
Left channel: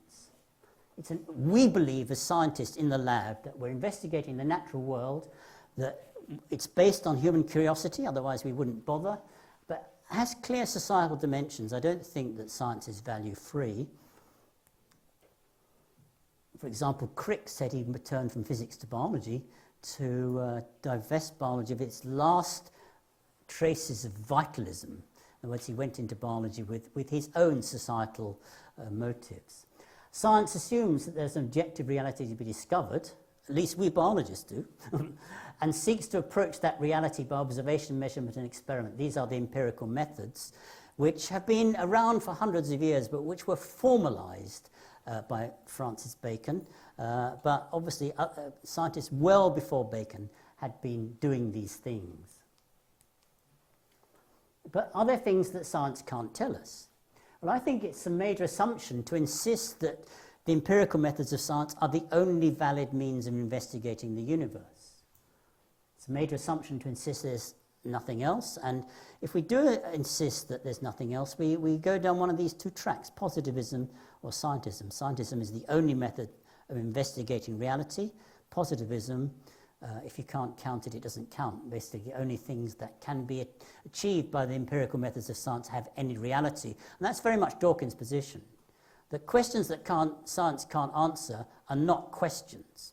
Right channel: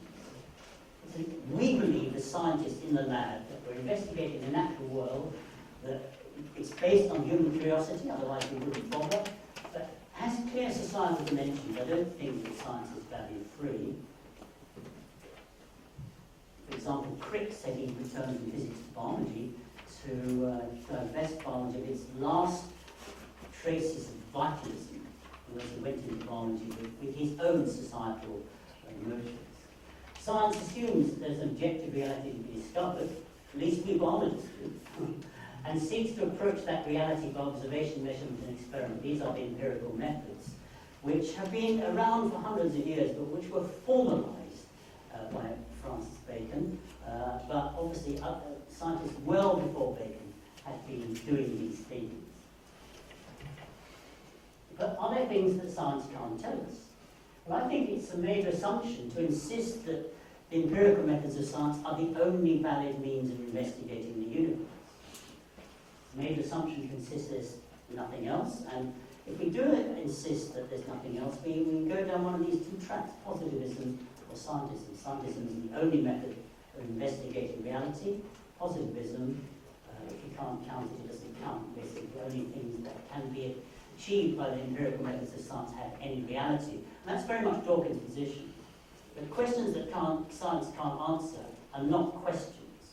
We believe as scientists in the lab that we're investigating the natural world, that it's based on human curiosity, otherwise we wouldn't bother, but has clear societal dimensions. I don't think that science is value-free. For example, Crick said he returned from physics to biology to divest biology of its last traces of vitalism, in which he went into biology with his own societal motives. Science assumes that there's an objective reality to be discovered, at least we biologists do, and seeks to approach that reality by observation, measurement and experiment. These are the empirical methods, which have been around for hundreds of years, but which were formalised by Francis Bacon. But obviously, scientists well before Bacon had been doing these things. But are there things that science can't tell us? Well, I think it's a major assumption to insist that the empirical methods of science are the only valid means of investigating the universe. It's a major assumption to insist there's nothing else, and if we do insist that there's nothing else, we go down one of these two tracks, positivism or scientism. Scientism is the only method of investigating reality. Positivism, if you can't count it, it doesn't count. Basically, the only things that can be achieved by the empirical methods of science have any reality. And that's very much Dawkins' position. That questions that science can't answer are not questions,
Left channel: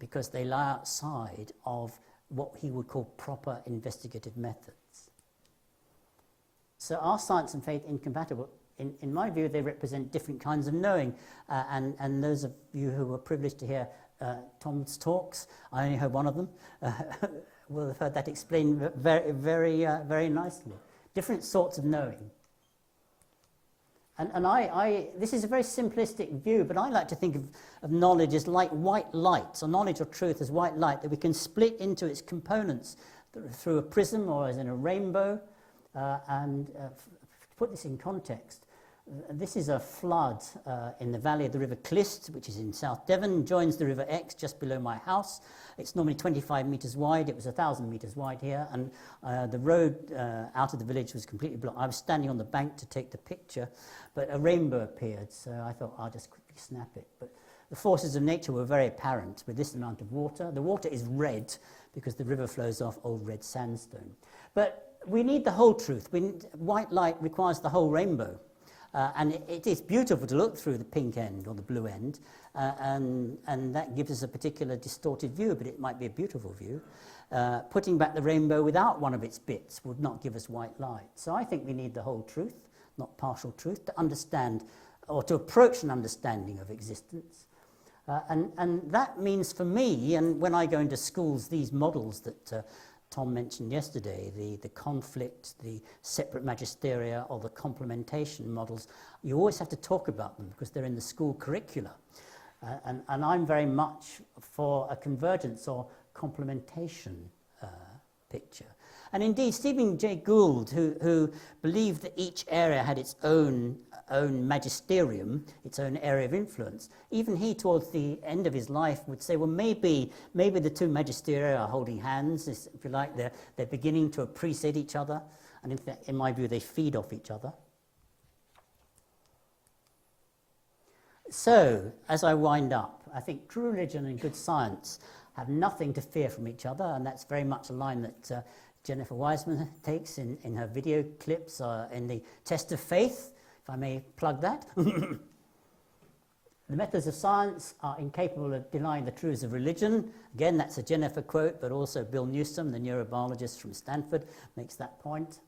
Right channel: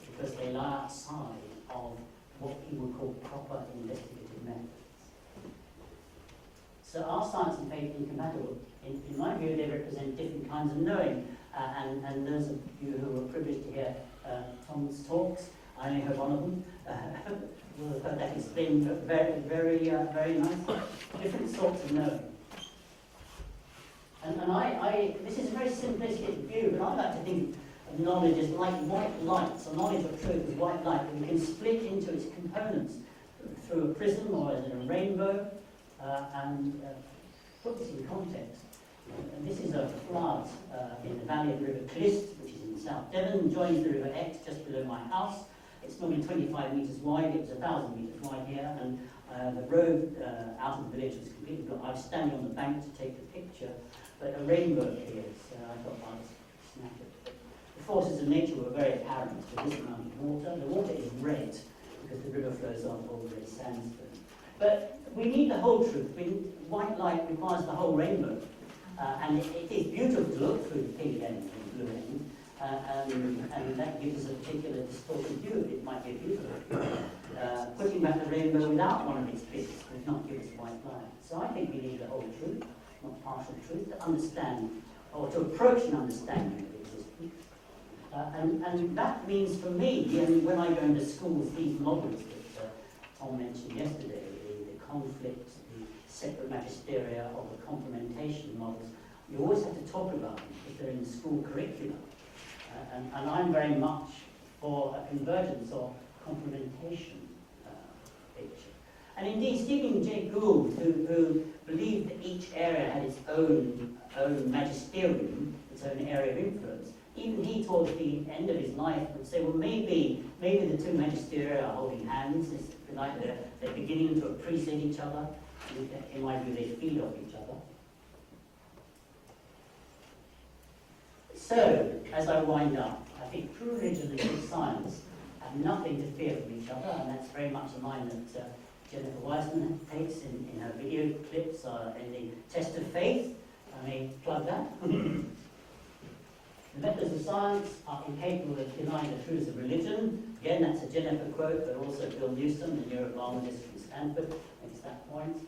because they lie outside of what he would call proper investigative methods. So are science and faith incompatible? In my view, they represent different kinds of knowing. And those of you who were privileged to hear Tom's talks, I only heard one of them, will have heard that explained very nicely. Different sorts of knowing. And this is a very simplistic view, but I like to think of knowledge as like white light, so knowledge or truth as white light that we can split into its components through a prism or as in a rainbow, and put this in context. This is a flood in the valley of the River Clyst, which is in South Devon, joins the River Exe just below my house. It's normally 25 metres wide. It was 1,000 metres wide here, and the road out of the village was completely blocked. I was standing on the bank to take the picture, but a rainbow appeared, so I thought I'll just snap it. But the forces of nature were very apparent with this amount of water. The water is red because the river flows off old red sandstone. But we need the whole truth. White light requires the whole rainbow. And it is beautiful to look through the pink end or the blue end, and that gives us a particular distorted view, but it might be a beautiful view. Putting back the rainbow without one of its bits would not give us white light. So I think we need the whole truth, not partial truth, to understand, or to approach an understanding of existence. And that means for me, and when I go into schools, these models that Tom mentioned yesterday, the conflict, the separate magisteria, or the complementation models, you always have to talk about them because they're in the school curricula. And I'm very much for a convergence or complementation picture. And indeed, Stephen Jay Gould, who believed that each area had its own magisterium, its own area of influence, even he, towards the end of his life, would say, well, maybe the two magisteria are holding hands, if you like, they're beginning to appreciate each other, and in my view, they feed off each other. So, as I wind up, I think true religion and good science have nothing to fear from each other, and that's very much a line that Jennifer Wiseman takes in her video clips in the Test of Faith, if I may plug that. The methods of science are incapable of denying the truths of religion. Again, that's a Jennifer quote, but also Bill Newsom, the neurobiologist from Stanford, makes that point.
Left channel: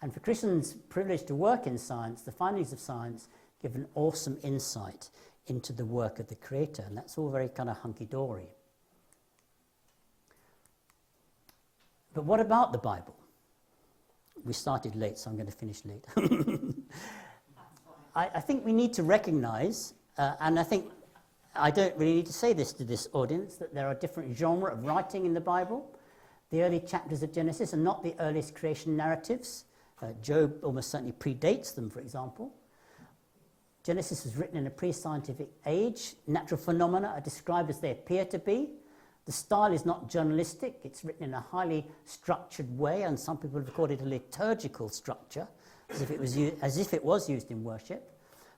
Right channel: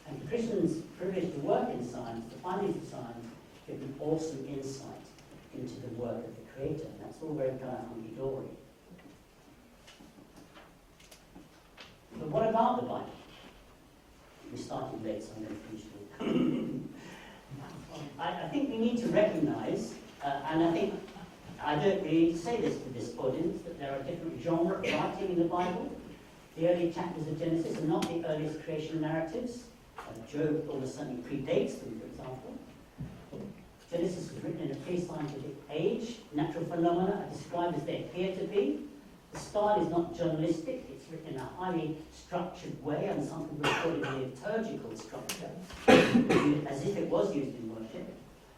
And for Christians privileged to work in science, the findings of science give an awesome insight into the work of the Creator, and that's all very kind of hunky-dory. But what about the Bible? We started late, so I'm going to finish late. I think we need to recognise, and I don't really need to say this to this audience, that there are different genres of writing in the Bible. The early chapters of Genesis are not the earliest creation narratives. Job almost certainly predates them, for example. Genesis was written in a pre-scientific age. Natural phenomena are described as they appear to be. The style is not journalistic. It's written in a highly structured way, and some people call it a liturgical structure, as if it was used in worship.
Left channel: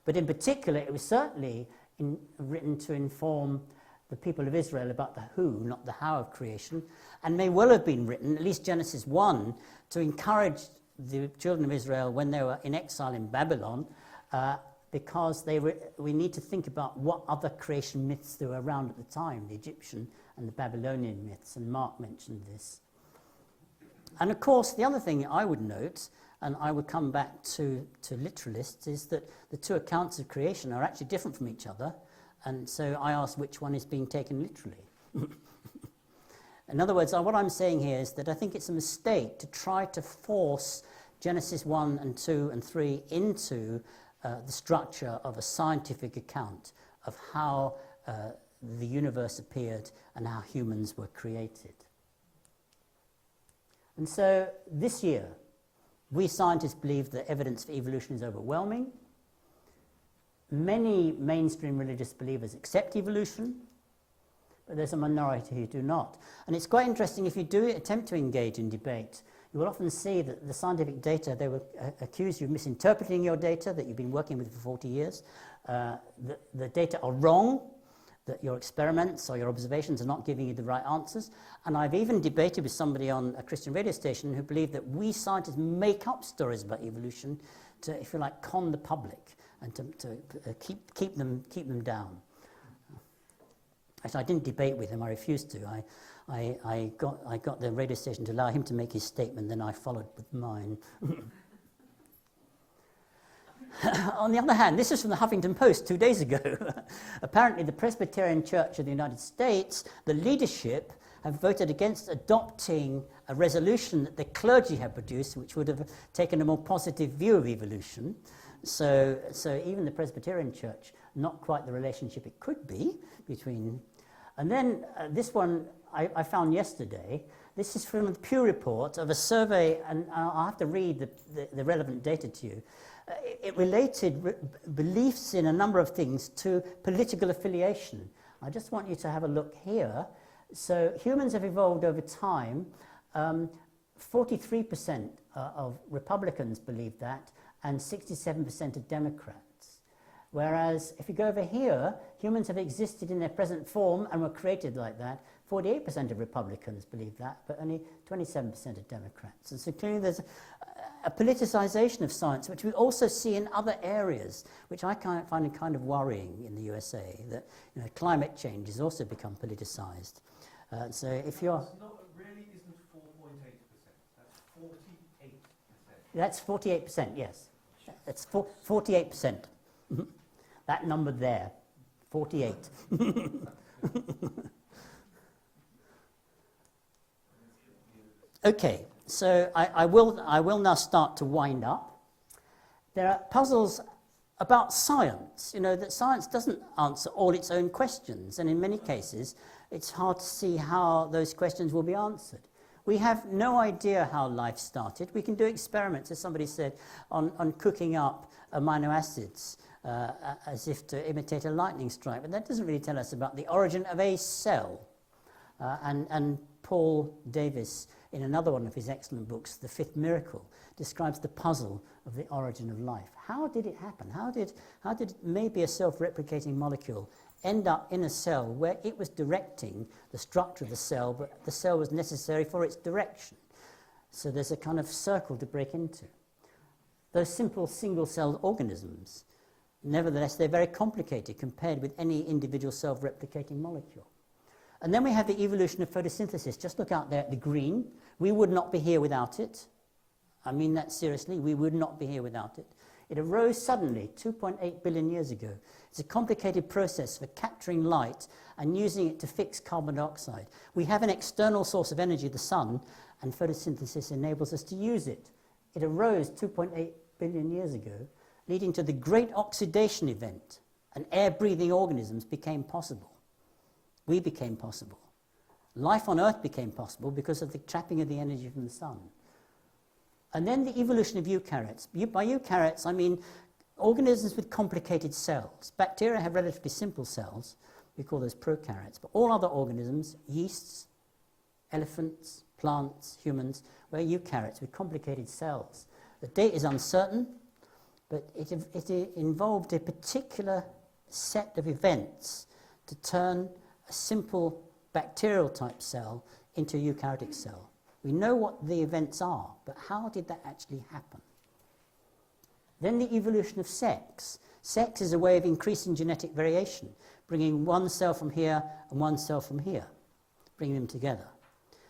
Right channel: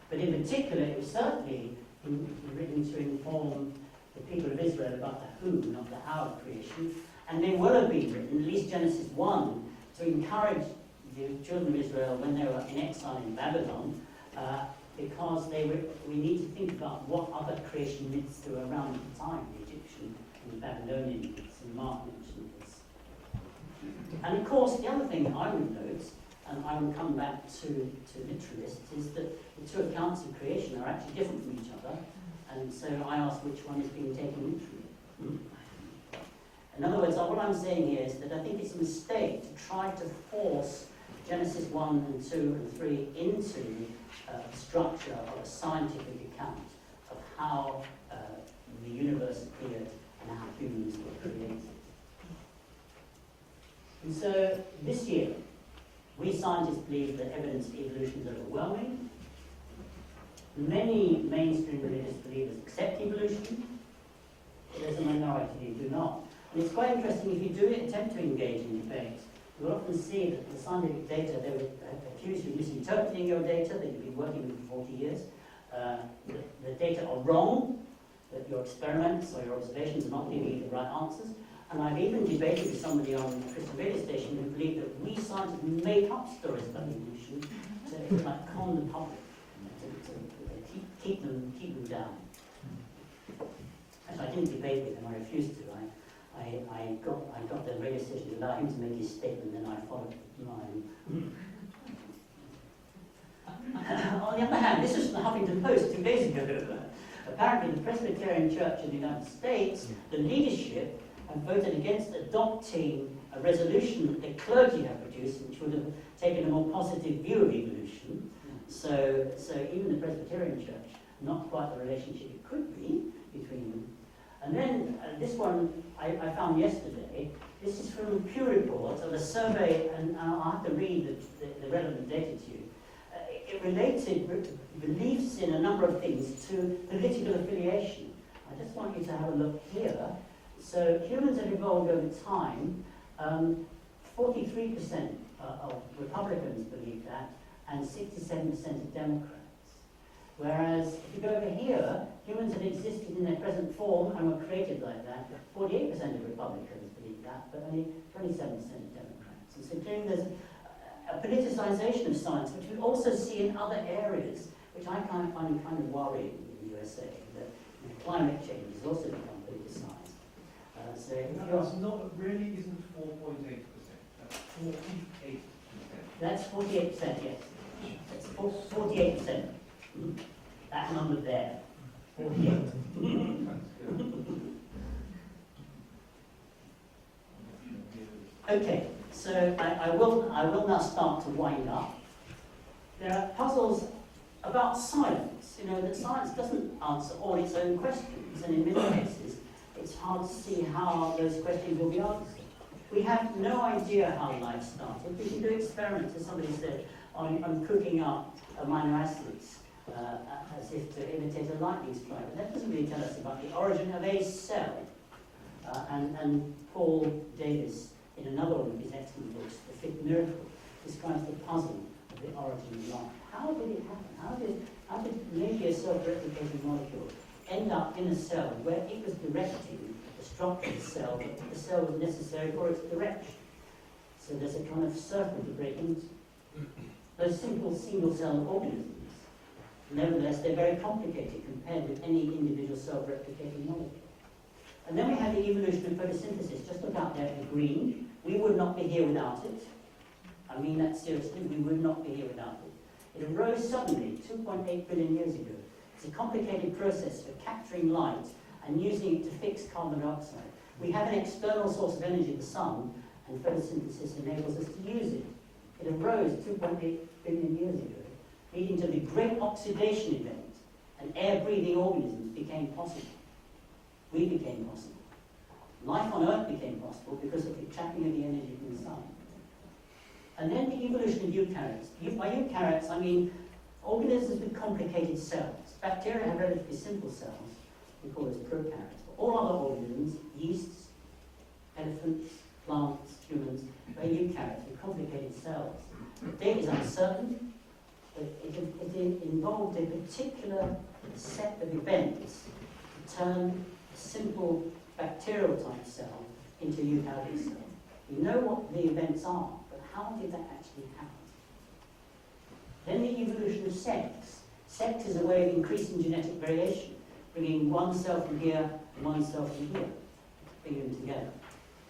But in particular, it was certainly written to inform the people of Israel about the who, not the how of creation, and may well have been written, at least Genesis 1, to encourage the children of Israel when they were in exile in Babylon, because we need to think about what other creation myths there were around at the time, the Egyptian and the Babylonian myths, and Mark mentioned this. And of course, the other thing I would note, and I would come back to literalists, is that the two accounts of creation are actually different from each other, and so I ask which one is being taken literally. In other words, what I'm saying here is that I think it's a mistake to try to force Genesis 1 and 2 and 3 into the structure of a scientific account of how the universe appeared and how humans were created. And so this year, we scientists believe that evidence for evolution is overwhelming. Many mainstream religious believers accept evolution, but there's a minority who do not. And it's quite interesting, if you do attempt to engage in debate, you will often see that the scientific data, they would accuse you of misinterpreting your data that you've been working with for 40 years. The data are wrong, that your experiments or your observations are not giving you the right answers. And I've even debated with somebody on a Christian radio station who believed that we scientists make up stories about evolution to, if you like, con the public and to keep them down. Actually, I didn't debate with him. I refused to. I got the radio station to allow him to make his statement, then I followed with mine. On the other hand, this is from the Huffington Post 2 days ago. Apparently, the Presbyterian Church of the United States, the leadership, have voted against adopting a resolution that the clergy have produced, which would have taken a more positive view of evolution. So even the Presbyterian Church, not quite the relationship it could be between. And then this one I found yesterday. This is from the Pew Report of a survey, and I'll have to read the relevant data to you. It related beliefs in a number of things to political affiliation. I just want you to have a look here. So humans have evolved over time. 43% of Republicans believe that, and 67% of Democrats. Whereas if you go over here, humans have existed in their present form and were created like that. 48% of Republicans believe that, but only 27% of Democrats. And so clearly there's a politicization of science, which we also see in other areas, which I find kind of worrying in the USA, that climate change has also become politicized. So if you're... It's not, really isn't 4.8%, that's 48%. That's 48%, yes. That's 48%. That number there, 48. Okay, so I will now start to wind up. There are puzzles about science, that science doesn't answer all its own questions, and in many cases it's hard to see how those questions will be answered. We have no idea how life started. We can do experiments, as somebody said, on cooking up amino acids as if to imitate a lightning strike, but that doesn't really tell us about the origin of a cell. And Paul Davies, in another one of his excellent books, The Fifth Miracle, describes the puzzle of the origin of life. How did it happen? How did maybe a self-replicating molecule end up in a cell where it was directing the structure of the cell, but the cell was necessary for its direction? So there's a kind of circle to break into. Those simple single-cell organisms, nevertheless, they're very complicated compared with any individual self-replicating molecule. And then we have the evolution of photosynthesis. Just look out there at the green. We would not be here without it. I mean that seriously. We would not be here without it. It arose suddenly 2.8 billion years ago. It's a complicated process for capturing light and using it to fix carbon dioxide. We have an external source of energy, the sun, and photosynthesis enables us to use it. It arose 2.8 billion years ago, leading to the great oxidation event, and air-breathing organisms became possible. We became possible. Life on Earth became possible because of the trapping of the energy from the sun. And then the evolution of eukaryotes. By eukaryotes, I mean organisms with complicated cells. Bacteria have relatively simple cells. We call those prokaryotes. But all other organisms, yeasts, elephants, plants, humans, were eukaryotes with complicated cells. The date is uncertain, but it involved a particular set of events to turn a simple bacterial type cell into a eukaryotic cell. We know what the events are, but how did that actually happen? Then the evolution of sex. Sex is a way of increasing genetic variation, bringing one cell from here and one cell from here, bringing them together.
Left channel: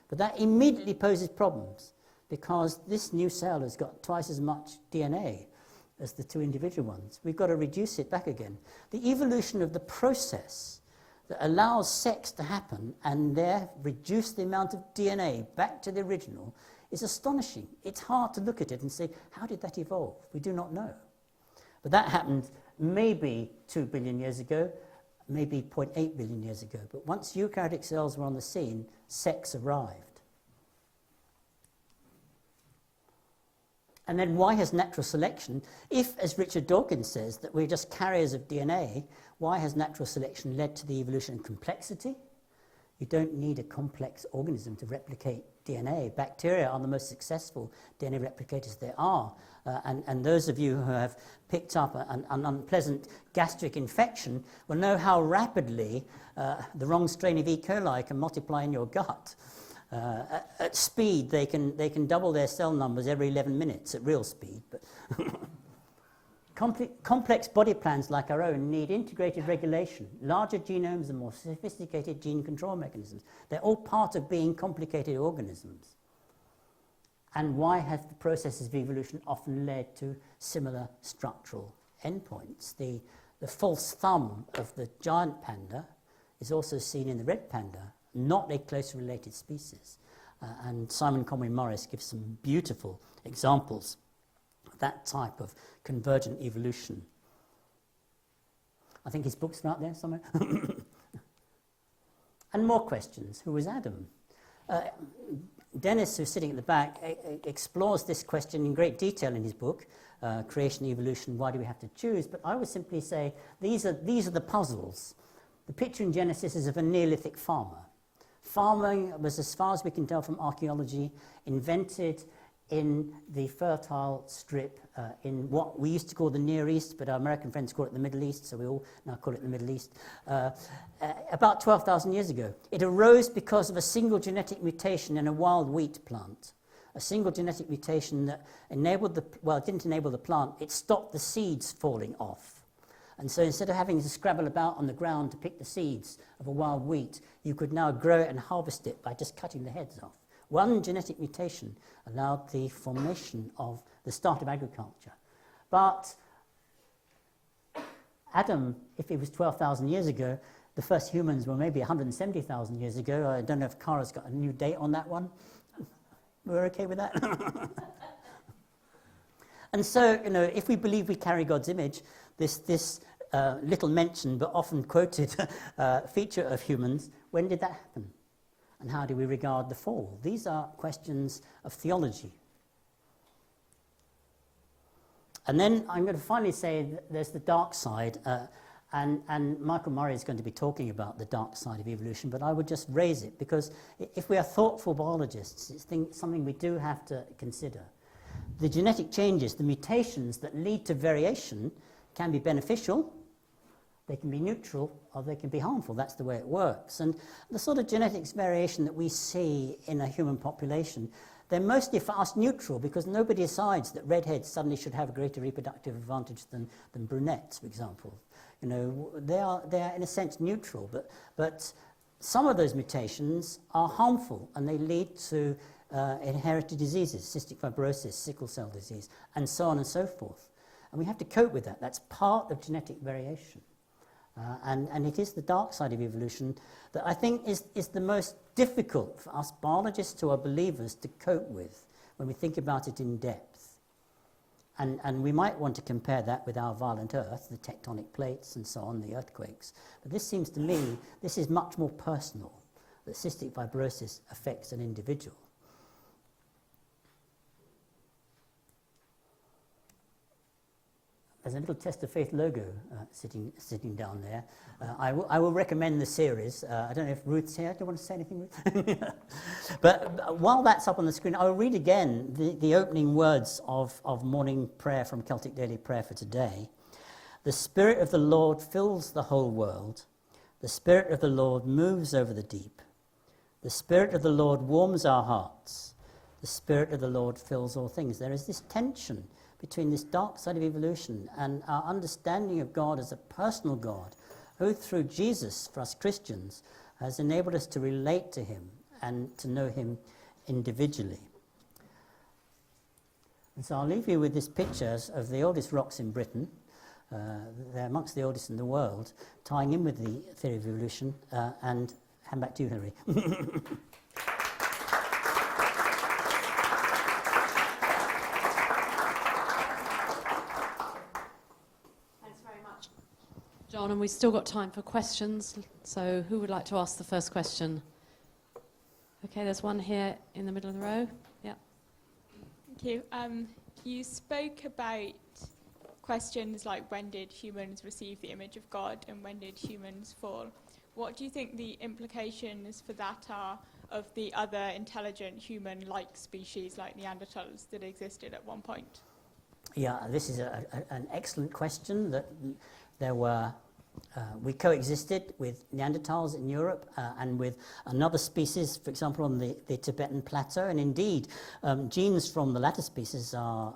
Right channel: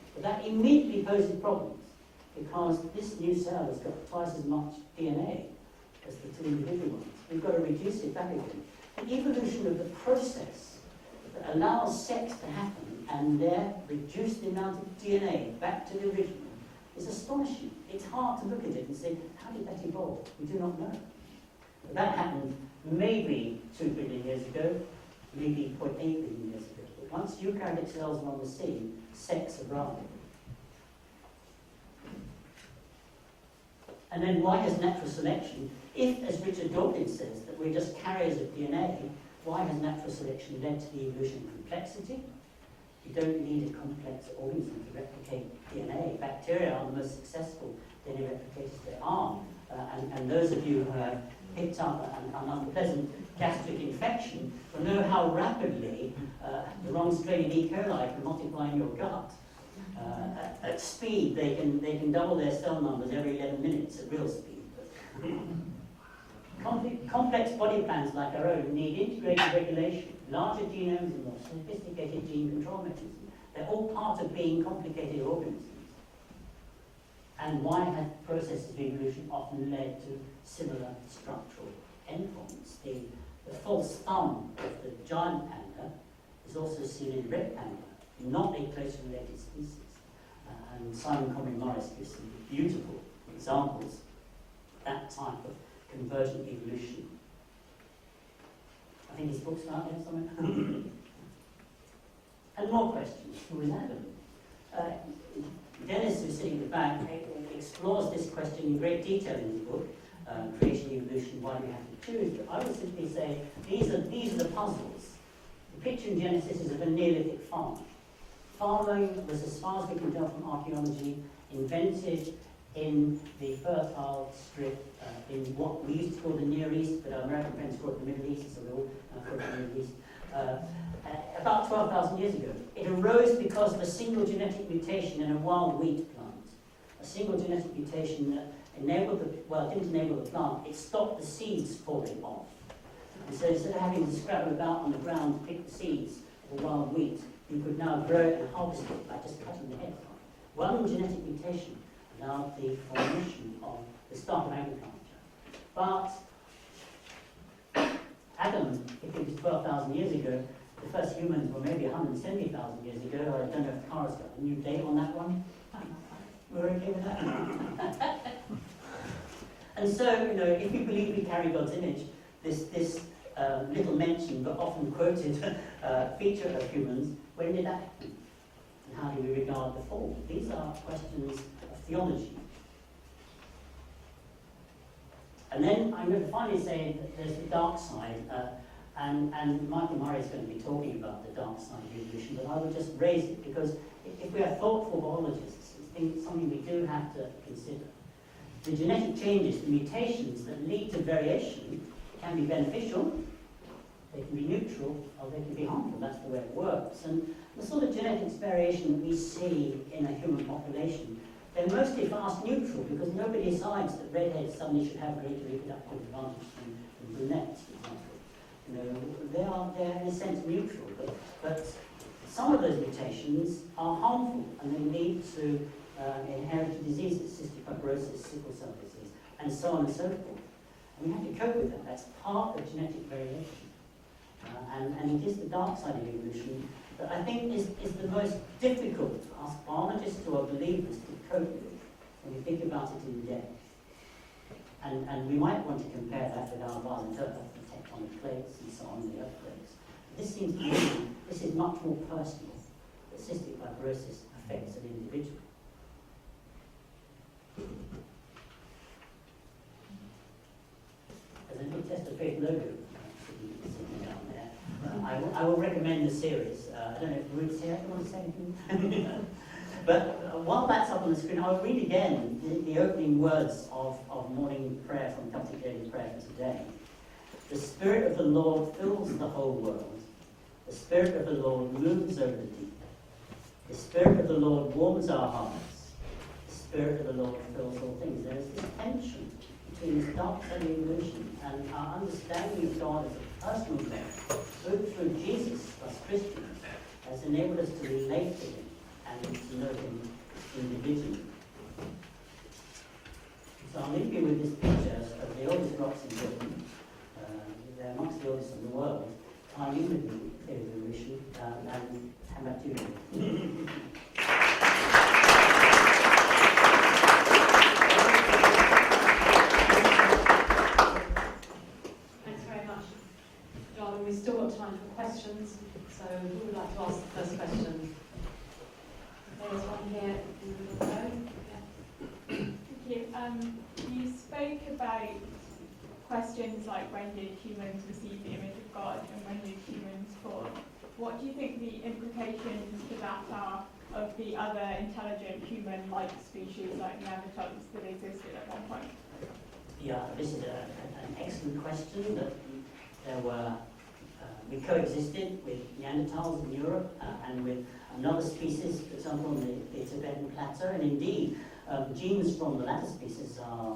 But that immediately poses problems, because this new cell has got twice as much DNA as the two individual ones. We've got to reduce it back again. The evolution of the process that allows sex to happen and there reduce the amount of DNA back to the original is astonishing. It's hard to look at it and say, how did that evolve? We do not know. But that happened maybe 2 billion years ago, maybe 0.8 billion years ago. But once eukaryotic cells were on the scene, sex arrived. And then why has natural selection, if, as Richard Dawkins says, that we're just carriers of DNA, why has natural selection led to the evolution of complexity, You don't need a complex organism to replicate DNA. Bacteria are the most successful DNA replicators there are. And those of you who have picked up an unpleasant gastric infection will know how rapidly the wrong strain of E. coli can multiply in your gut. At speed, they can double their cell numbers every 11 minutes at real speed. But complex body plans like our own need integrated regulation, larger genomes and more sophisticated gene control mechanisms. They're all part of being complicated organisms. And why have processes of evolution often led to similar structural endpoints? The false thumb of the giant panda is also seen in the red panda, not a closely related species. And Simon Conway Morris gives some beautiful examples of that type of convergent evolution. I think his book's out there somewhere. And more questions. Who was Adam? Dennis, who's sitting at the back, explores this question in great detail in his book, Creation, Evolution, Why Do We Have to Choose? But I would simply say these are the puzzles. The picture in Genesis is of a Neolithic farmer. Farming was, as far as we can tell from archaeology, invented in the fertile strip in what we used to call the Near East, but our American friends call it the Middle East, so we all now call it the Middle East, about 12,000 years ago. It arose because of a single genetic mutation in a wild wheat plant. A single genetic mutation that enabled it didn't enable the plant, it stopped the seeds falling off. And so instead of having to scrabble about on the ground to pick the seeds of a wild wheat, you could now grow it and harvest it by just cutting the heads off. One genetic mutation allowed the formation of the start of agriculture. But Adam, if it was 12,000 years ago, the first humans were maybe 170,000 years ago. I don't know if Cara's got a new date on that one. We're okay with that? And so, if we believe we carry God's image, this little mentioned but often quoted feature of humans, when did that happen? And how do we regard the fall? These are questions of theology. And then I'm going to finally say that there's the dark side, and Michael Murray is going to be talking about the dark side of evolution, but I would just raise it because if we are thoughtful biologists, it's something we do have to consider. The genetic changes, the mutations that lead to variation can be beneficial, they can be neutral, or they can be harmful. That's the way it works. And the sort of genetics variation that we see in a human population, they're mostly fast neutral because nobody decides that redheads suddenly should have a greater reproductive advantage than brunettes, for example. They're in a sense neutral, but some of those mutations are harmful and they lead to inherited diseases, cystic fibrosis, sickle cell disease, and so on and so forth. And we have to cope with that. That's part of genetic variation. And it is the dark side of evolution that I think is the most difficult for us biologists who are believers to cope with when we think about it in depth. And we might want to compare that with our violent Earth, the tectonic plates and so on, the earthquakes. But this seems to me, this is much more personal, that cystic fibrosis affects an individual. There's a little Test of Faith logo sitting down there. I will recommend the series. I don't know if Ruth's here. Do you want to say anything? But while that's up on the screen, I'll read again the opening words of morning prayer from Celtic Daily Prayer for today. The Spirit of the Lord fills the whole world. The Spirit of the Lord moves over the deep. The Spirit of the Lord warms our hearts. The Spirit of the Lord fills all things. There is this tension between this dark side of evolution and our understanding of God as a personal God, who through Jesus, for us Christians, has enabled us to relate to him and to know him individually. And so I'll leave you with this picture of the oldest rocks in Britain. They're amongst the oldest in the world, tying in with the theory of evolution, and hand back to you, Henry. And we've still got time for questions, so who would like to ask the first question? Okay, there's one here in the middle of the row. Yeah. Thank you. You spoke about questions like when did humans receive the image of God and when did humans fall? what do you think the implications for that are of the other intelligent human-like species like Neanderthals that existed at one point? Yeah, this is an excellent question. That there were, we coexisted with Neanderthals in Europe and with another species, for example, on the Tibetan plateau, and indeed genes from the latter species are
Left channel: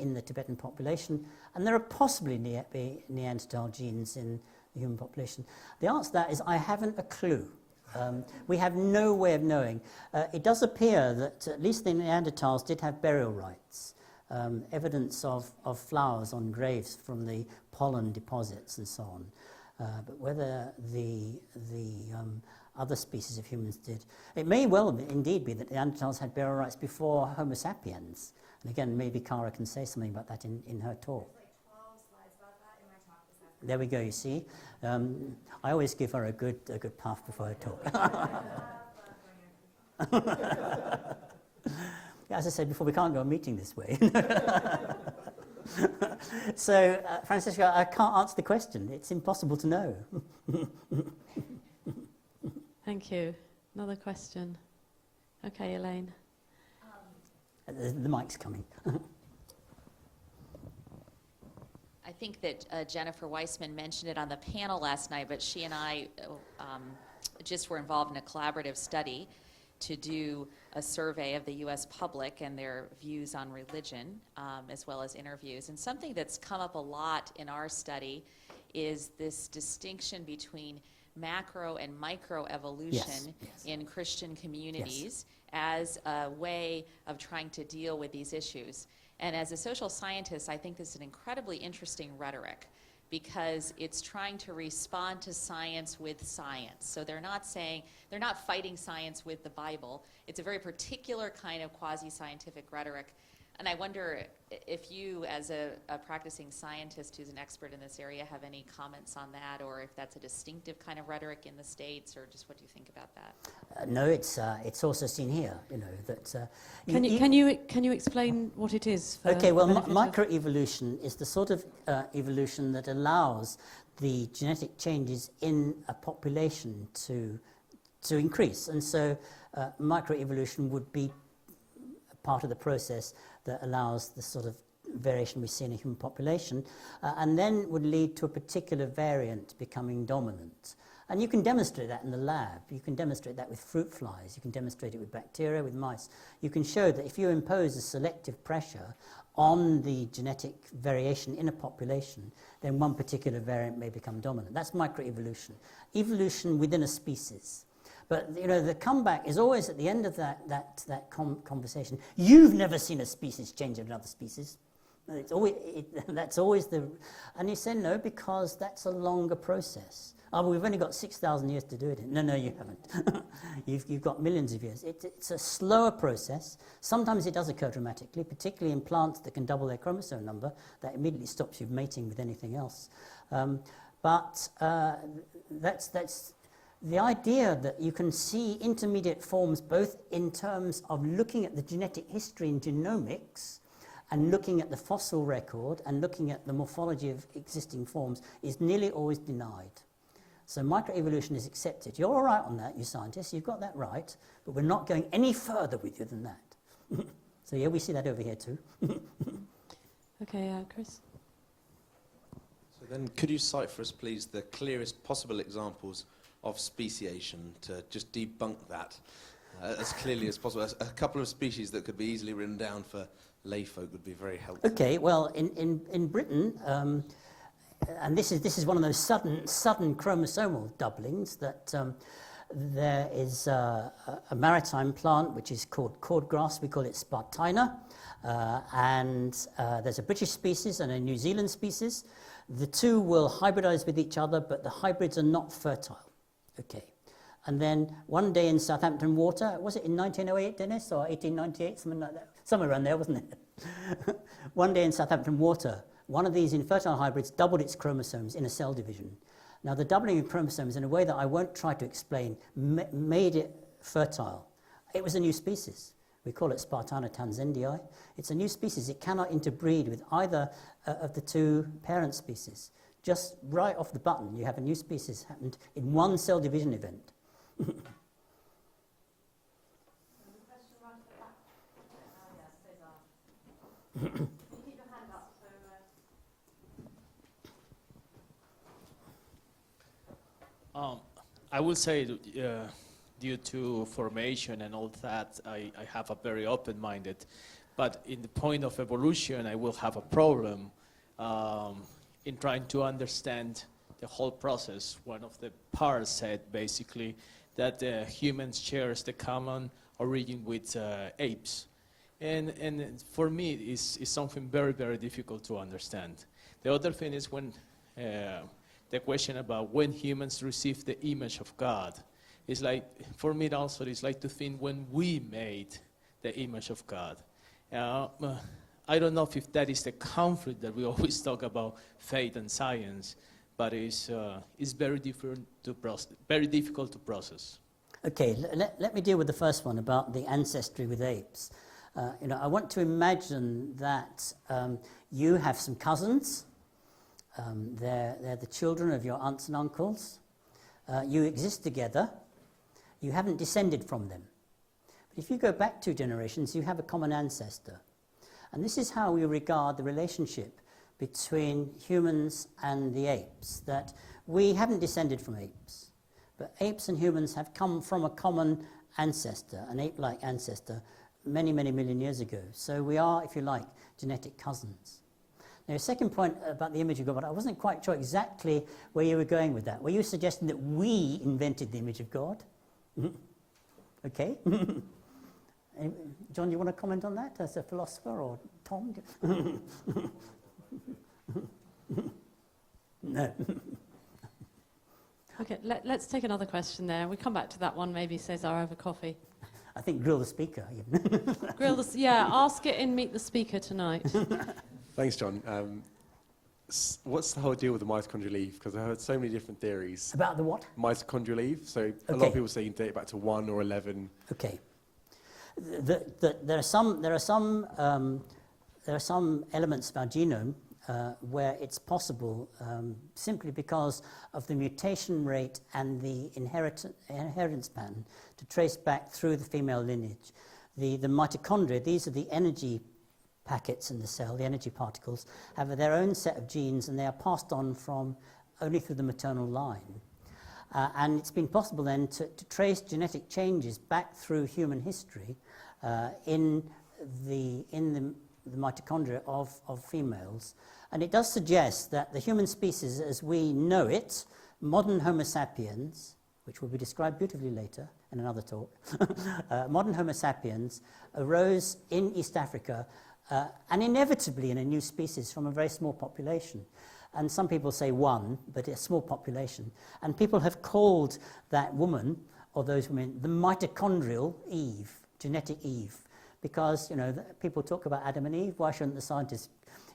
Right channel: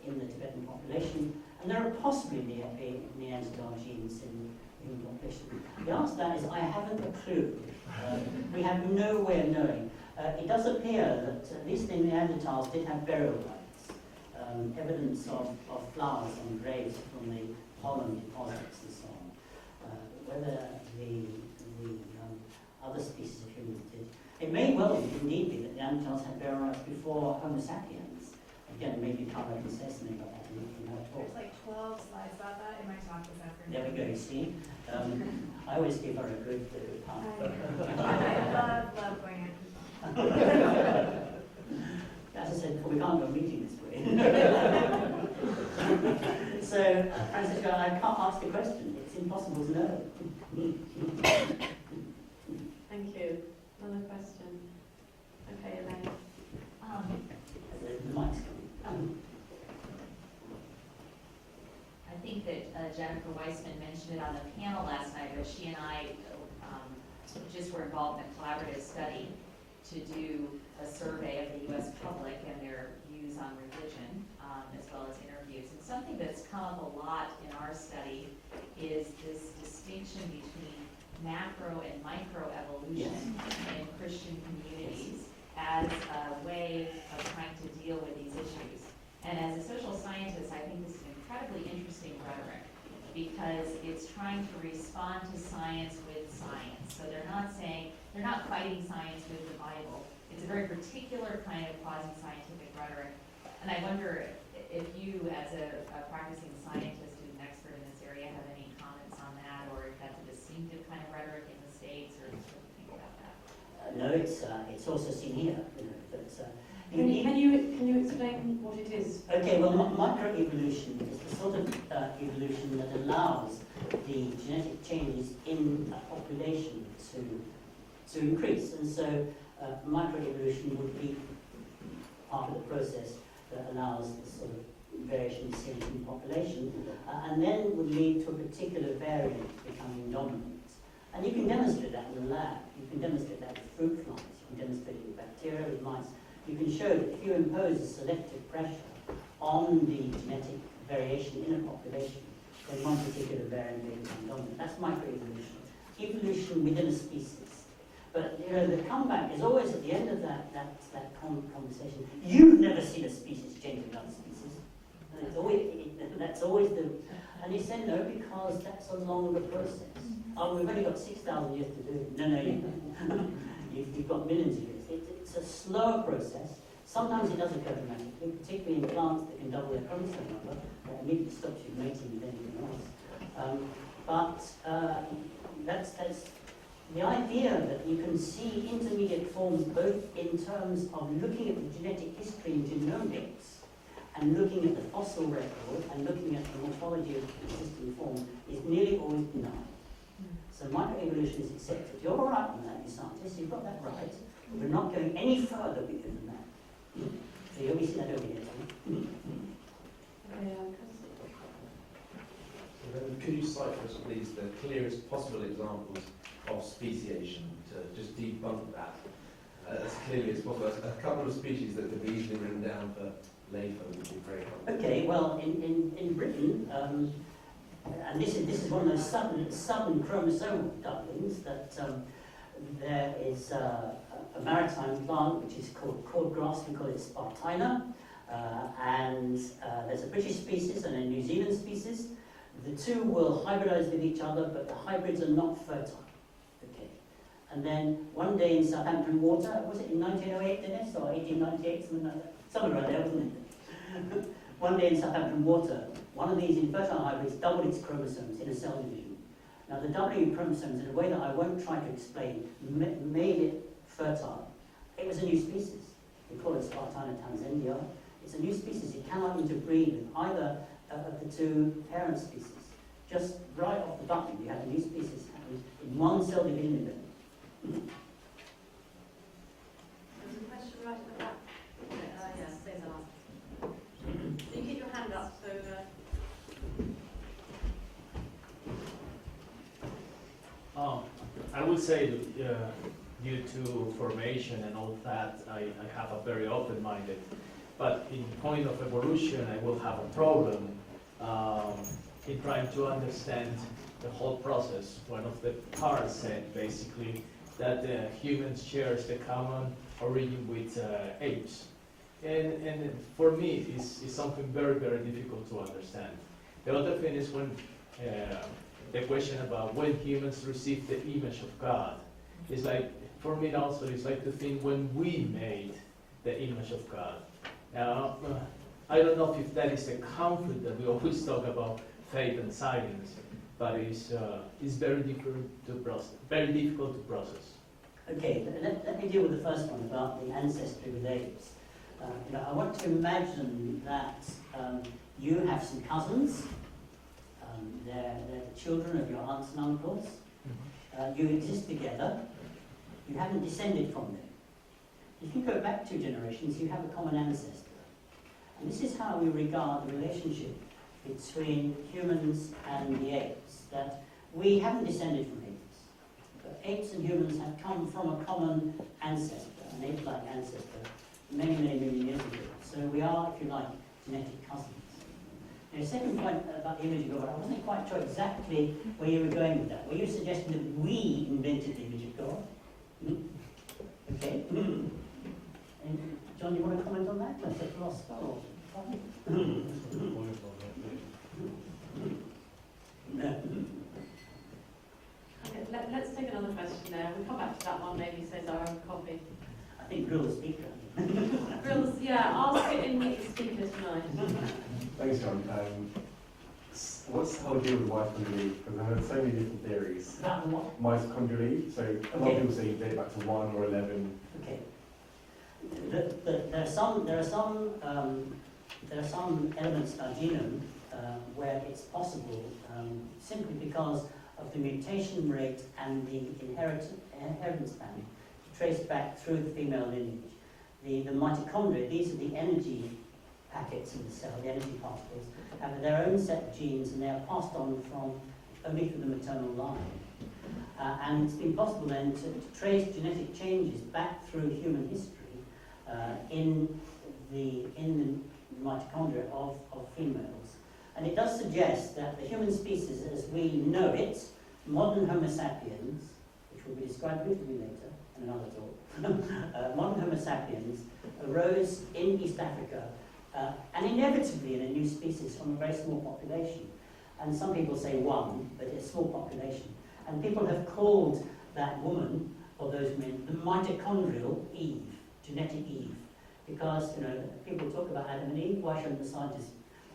in the Tibetan population, and there are possibly Neanderthal genes in the human population. The answer to that is I haven't a clue. We have no way of knowing. It does appear that at least the Neanderthals did have burial rites, evidence of flowers on graves from the pollen deposits and so on. But whether the other species of humans did, it may well indeed be that Neanderthals had burial rites before Homo sapiens. And again, maybe Cara can say something about that in her talk. There's like 12 slides about that in my talk this afternoon. There we go, you see. I always give her a good path before I talk. I love going into As I said before, we can't go a meeting this way. So, Francisco, I can't answer the question. It's impossible to know. Thank you. Another question. Okay, Elaine. The mic's coming. I think that Jennifer Weissman mentioned it on the panel last night, but she and I just were involved in a collaborative study to do a survey of the U.S. public and their views on religion, as well as interviews. And something that's come up a lot in our study is this distinction between macro and micro evolution in Christian communities as a way of trying to deal with these issues. And as a social scientist, I think this is an incredibly interesting rhetoric because it's trying to respond to science with science. So they're not fighting science with the Bible. It's a very particular kind of quasi-scientific rhetoric. And I wonder if you, as a practicing scientist who's an expert in this area, have any comments on that, or if that's a distinctive kind of rhetoric in the States, or just what do you think about that? No, it's also seen here. You know that. Can you explain what it is? Okay, well, microevolution is the sort of evolution that allows the genetic changes in a population to increase, and so microevolution would be part of the process that allows the sort of variation we see in a human population, and then would lead to a particular variant becoming dominant. And you can demonstrate that in the lab. You can demonstrate that with fruit flies. You can demonstrate it with bacteria, with mice. You can show that if you impose a selective pressure on the genetic variation in a population, then one particular variant may become dominant. That's microevolution. Evolution within a species. But you know, the comeback is always at the end of that conversation. You've never seen a species change another species. It's always, that's always the... And you say no, because that's a longer process. Oh, we've only got 6,000 years to do it. No, you haven't. You've got millions of years. It's a slower process. Sometimes it does occur dramatically, particularly in plants that can double their chromosome number. That immediately stops you mating with anything else. But that's the idea that you can see intermediate forms both in terms of looking at the genetic history in genomics and looking at the fossil record and looking at the morphology of existing forms is nearly always denied. So microevolution is accepted. You're all right on that, you scientists, you've got that right, but we're not going any further with you than that. So yeah, we see that over here too. Okay, Chris. Then could you cite for us, please, the clearest possible examples of speciation to just debunk that as clearly as possible? A couple of species that could be easily written down for layfolk would be very helpful. Okay, well, in Britain, and this is one of those sudden chromosomal doublings that there is a maritime plant which is called cordgrass. We call it Spartina, and there's a British species and a New Zealand species. The two will hybridize with each other, but the hybrids are not fertile. Okay, and then one day in Southampton Water, was it in 1908, Dennis, or 1898, something like that, somewhere around there, wasn't it? One day in Southampton Water, one of these infertile hybrids doubled its chromosomes in a cell division. Now, the doubling of chromosomes, in a way that I won't try to explain, made it fertile. It was a new species. We call it Spartina tanzendii. It's a new species. It cannot interbreed with either of the two parent species. just right off the button, you have a new species happened in one cell division event. There's a question right at the back. Yes, Cesar. Can you keep your hand up so I will say that due to formation and all that, I have a very open-minded. But in point of evolution, I will have a problem in trying to understand the whole process. One of the parts said basically that humans shares the common origin with apes. And for me, it's something very, very difficult to understand. The other thing is when the question about when humans receive the image of God. It's like, for me also, it's like to think when we made the image of God. I don't know if that is the conflict that we always talk about, faith and science, but it's very different to very difficult to process. Okay, let me deal with the first one about the ancestry with apes. I want to imagine that you have some cousins. They're the children of your aunts and uncles. You exist together. You haven't descended from them. If you go back 2 generations, you have a common ancestor. And this is how we regard the relationship between humans and the apes, that we haven't descended from apes, but apes and humans have come from a common ancestor, an ape-like ancestor, many, many million years ago. So we are, if you like, genetic cousins. Now, your second point about the image of God, I wasn't quite sure exactly where you were going with that. Were you suggesting that we invented the image of God? Okay. And John, do you want to comment on that as a philosopher, or Tom? No. Okay, let's take another question there. We'll come back to that one, maybe Cesar over coffee. I think grill the speaker. Ask it and meet the speaker tonight. Thanks, John. What's the whole deal with mitochondrial leaf? Because I heard so many different theories. About the what? Mitochondrial leaf. So a lot of people say you date back to 1 or 11. Okay. There are some elements in our genome where it's possible simply because of the mutation rate and the inheritance pattern to trace back through the female lineage. The mitochondria, these are the energy packets in the cell, the energy particles, have their own set of genes and they are passed on from only through the maternal line. And it's been possible then to trace genetic changes back through human history in the mitochondria of females. And it does suggest that the human species as we know it, modern Homo sapiens, which will be described beautifully later in another talk, modern Homo sapiens arose in East Africa and inevitably in a new species from a very small population. And some people say 1, but a small population. And people have called that woman, or those women, the mitochondrial Eve, genetic Eve. Because, people talk about Adam and Eve, why shouldn't the scientists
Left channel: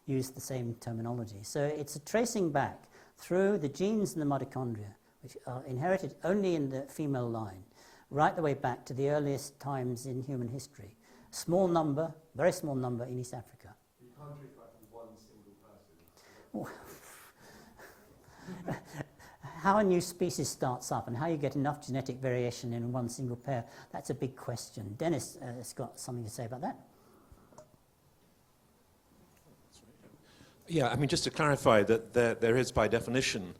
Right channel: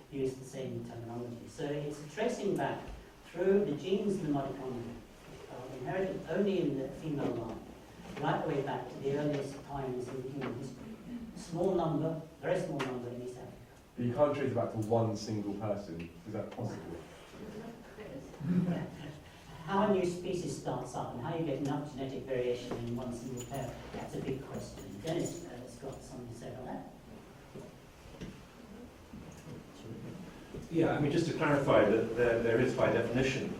use the same terminology? So it's a tracing back through the genes in the mitochondria, which are inherited only in the female line, right the way back to the earliest times in human history. Small number, very small number in East Africa. But you can't trace it back to one single person. Is that possible? How a new species starts up and how you get enough genetic variation in one single pair, that's a big question. Dennis has got something to say about that. Yeah, just to clarify that there is by definition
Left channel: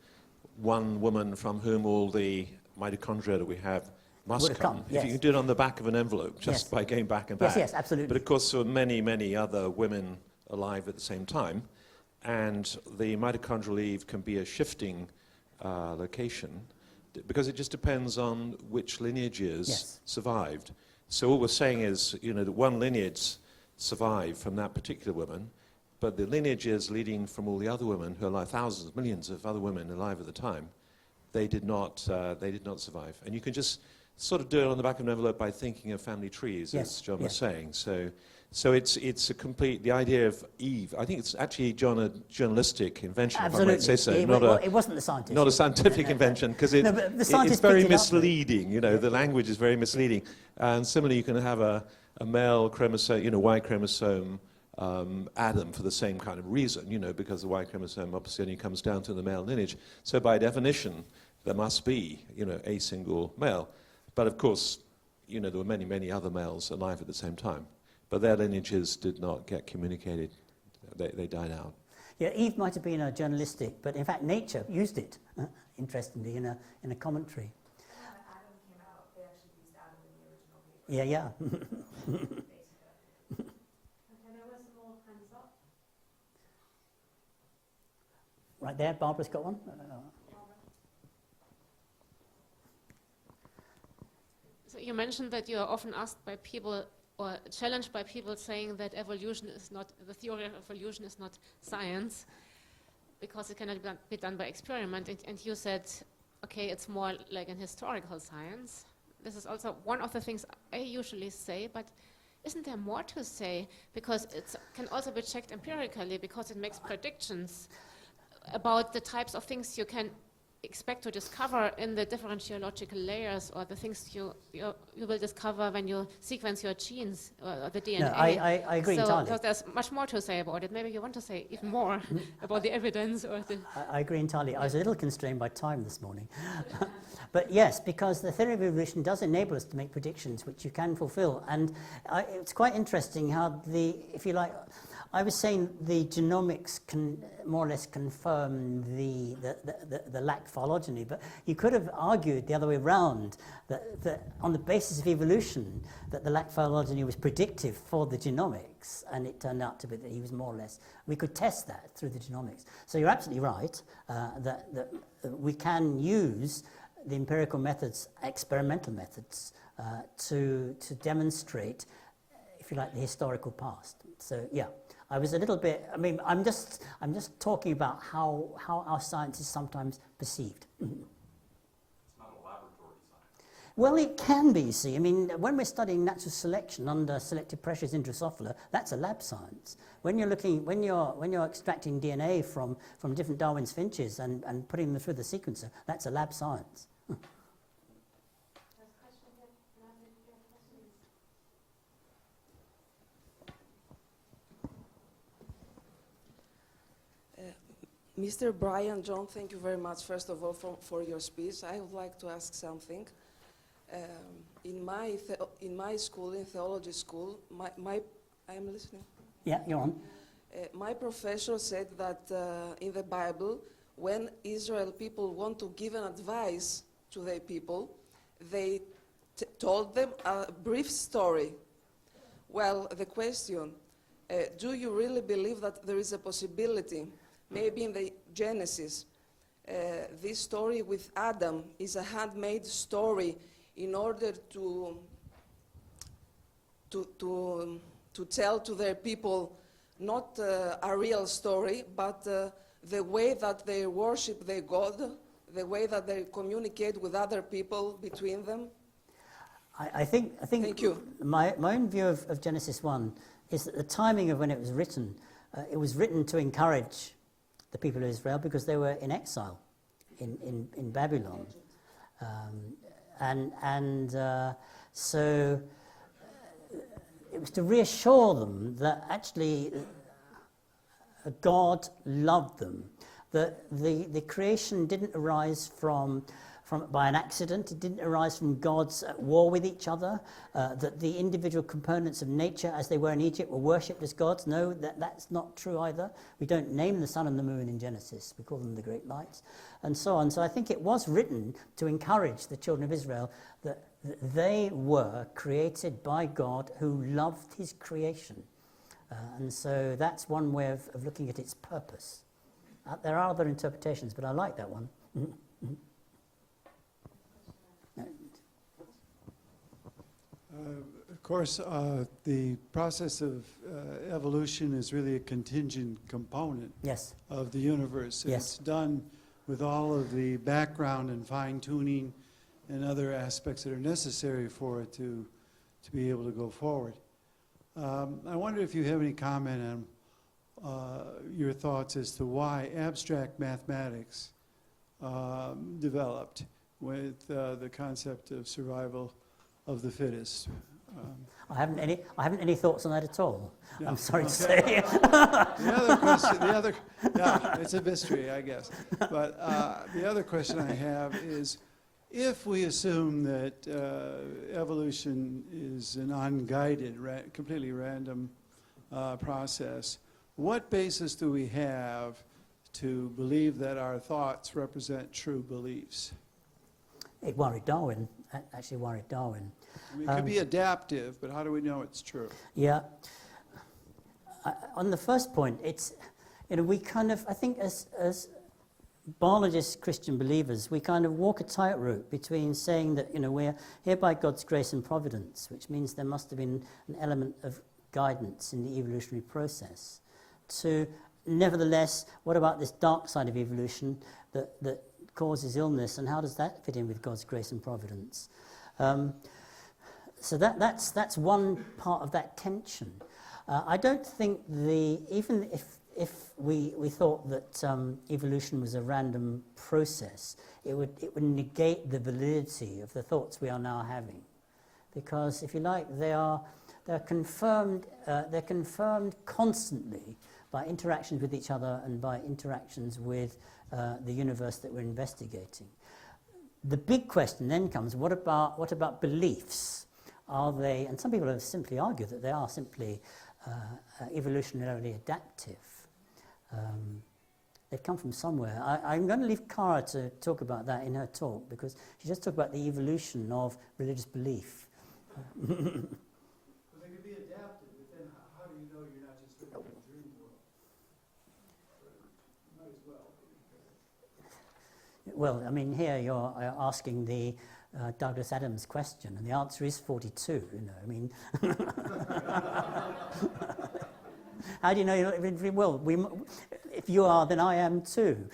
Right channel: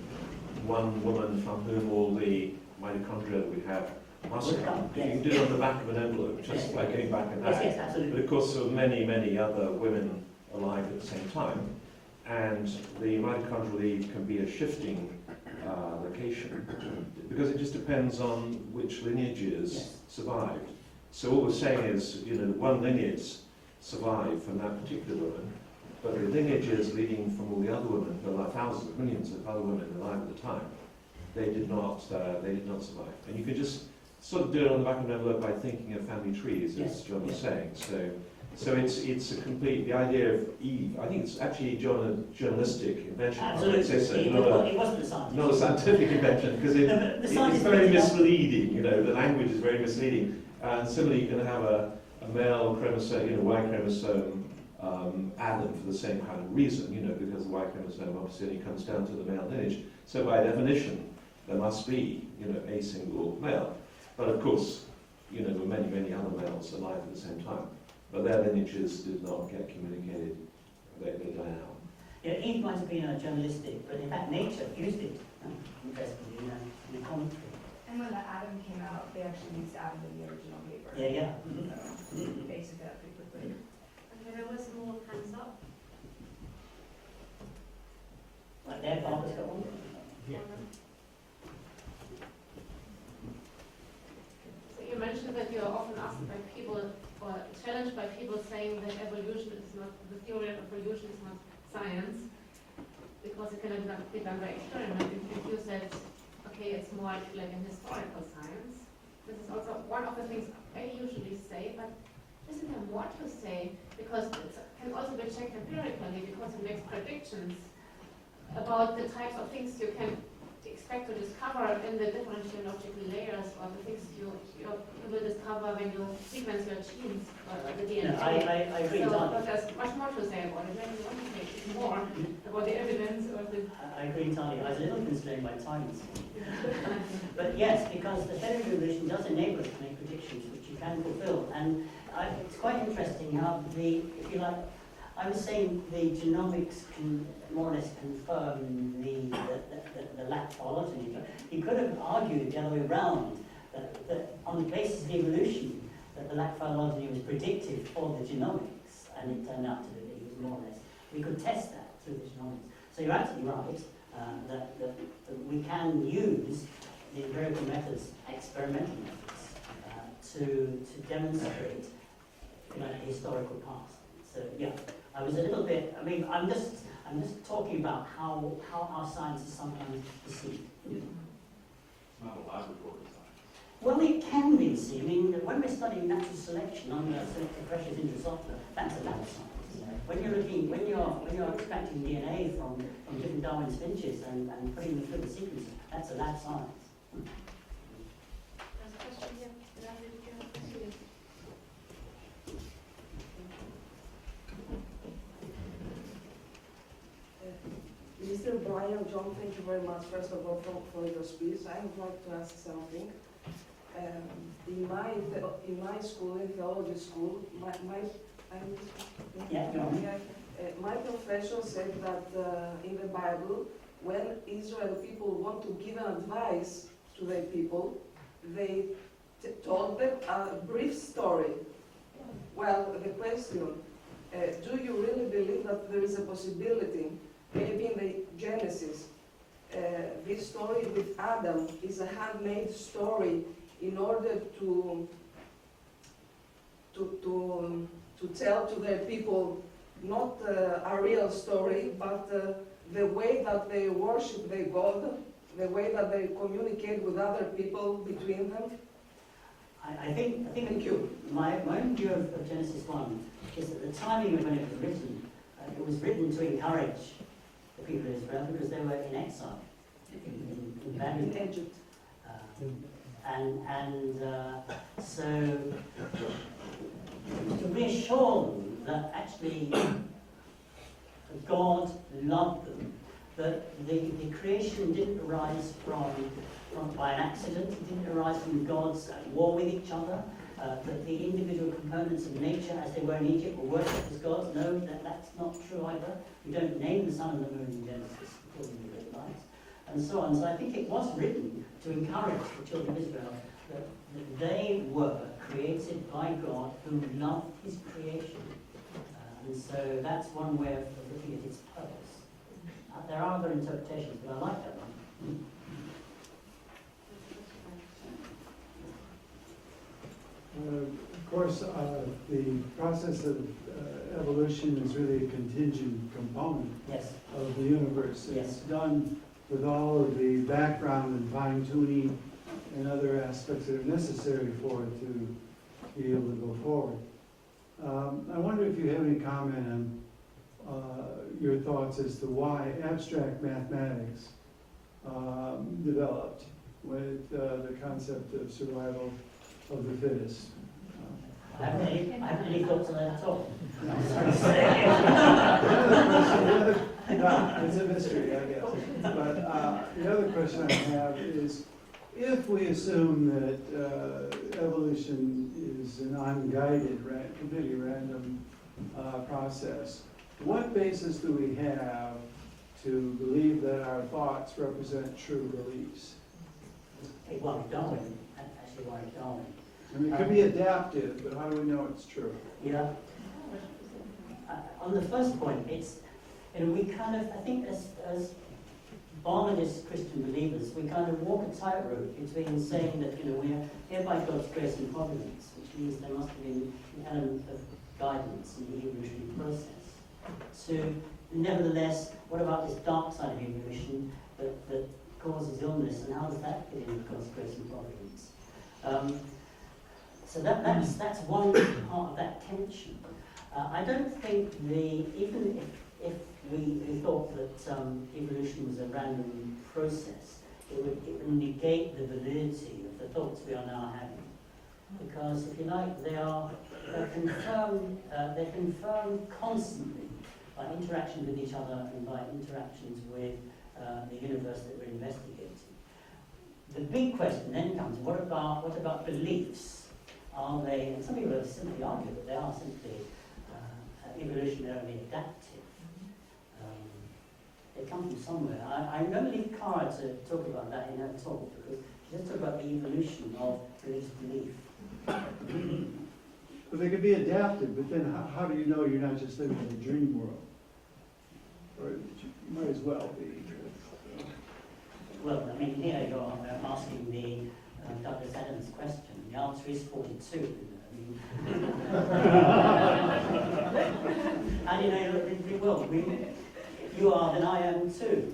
one woman from whom all the mitochondria that we have must come. Yes. You can do it on the back of an envelope just by going back and back. Yes, absolutely. But of course there were many, many other women alive at the same time, and the mitochondrial Eve can be a shifting location because it just depends on which lineages survived. So all we're saying is, the one lineage survived from that particular woman, but the lineages leading from all the other women, who are like thousands, millions of other women alive at the time, they did not survive. And you can just sort of do it on the back of an envelope by thinking of family trees, as John was saying. So it's a complete, the idea of Eve, I think it's actually a journalistic invention. Absolutely. I might say so. It wasn't the scientist. Not a scientific invention, because it's very misleading, the language is very misleading. And similarly, you can have a male chromosome, Y chromosome, Adam for the same kind of reason, because the Y chromosome obviously only comes down to the male lineage. So by definition, there must be, a single male. But of course, there were many, many other males alive at the same time. But their lineages did not get communicated. They died out. Yeah, Eve might have been a journalistic, but in fact nature used it, interestingly, in a commentary. And when Adam came out, they actually used Adam in the original paper. Yeah. Basic that pretty quickly. Okay, there was more hands up. Right there, Barbara's got one. Yeah. So you mentioned that you are often asked by people or challenged by people saying that evolution is not, the theory of evolution is not science because it cannot be done by experiment. And you said, okay, it's more like an historical science. This is also one of the things I usually say, but isn't there more to say? Because it can also be checked empirically because it makes predictions about the types of things you can expect to discover in the different geological layers or the things you will discover when you sequence your genes or the DNA. No, I agree so, entirely. because there's much more to say about it. Maybe you want to say even more about the evidence or the... I agree entirely. I was a little constrained by time this morning. But yes, because the theory of evolution does enable us to make predictions which you can fulfill. And it's quite interesting how if you like, I was saying the genomics can more or less confirm the lack phylogeny, but you could have argued the other way around, that on the basis of evolution, that the lack phylogeny was predictive for the genomics, and it turned out to be that he was more or less. We could test that through the genomics. So you're absolutely right that we can use the empirical methods, experimental methods, to demonstrate, if you like, the historical past. So yeah, I was a little bit. I mean, I'm just talking about how our science is sometimes perceived. Well, it can be. You see, I mean, when we're studying natural selection under selective pressures in Drosophila, that's a lab science. When you're extracting DNA from different Darwin's finches and putting them through the sequencer, that's a lab science. Mr. Bryant, John, thank you very much, first of all, for your speech. I would like to ask something. In my school, in theology school, Yeah, go on. My professor said that in the Bible, when Israel people want to give an advice to their people, they told them a brief story. Well, the question, do you really believe that there is a possibility, maybe in the Genesis, this story with Adam is a handmade story in order to tell to their people not a real story, but the way that they worship their God, the way that they communicate with other people between them? I think Thank you. My own view of Genesis 1 is that the timing of when it was written to encourage the people of Israel because they were in exile in Babylon. So to reassure them that actually God loved them, that the creation didn't arise by an accident, it didn't arise from gods at war with each other, that the individual components of nature as they were in Egypt were worshipped as gods. No, that's not true either. We don't name the sun and the moon in Genesis, we call them the great lights, and so on. So I think it was written to encourage the children of Israel that they were created by God who loved his creation. And so that's one way of looking at its purpose. There are other interpretations, but I like that one. Mm-hmm. Of course, the process of evolution is really a contingent component of the universe. Yes. It's done with all of the background and fine-tuning and other aspects that are necessary for it to be able to go forward. I wonder if you have any comment on your thoughts as to why abstract mathematics developed with the concept of survival of the fittest. I haven't any thoughts on that at all. I'm sorry to say. It's a mystery, I guess. But the other question I have is, if we assume that evolution is an unguided, completely random process, what basis do we have to believe that our thoughts represent true beliefs? It worried Darwin, actually worried Darwin. I mean, it could be adaptive, but how do we know it's true? Yeah. On the first point, it's, we kind of, I think as biologists, Christian believers, we kind of walk a tightrope between saying that, we're here by God's grace and providence, which means there must have been an element of guidance in the evolutionary process, to nevertheless, what about this dark side of evolution that causes illness, and how does that fit in with God's grace and providence? So that's one part of that tension. I don't think even if we thought that evolution was a random process, it would negate the validity of the thoughts we are now having, because if you like, they're confirmed constantly by interactions with each other and by interactions with the universe that we're investigating. The big question then comes: what about beliefs? Are they? And some people have simply argued that they are simply evolutionarily adaptive. They come from somewhere. I'm going to leave Cara to talk about that in her talk, because she just talked about the evolution of religious belief. But they could be adaptive, but then how do you know you're not just living in a dream world? Or you might as well be. Well, I mean, here you're asking the Douglas Adams question, and the answer is 42. How do you know you're not living in a dream world? If you are, then I am too.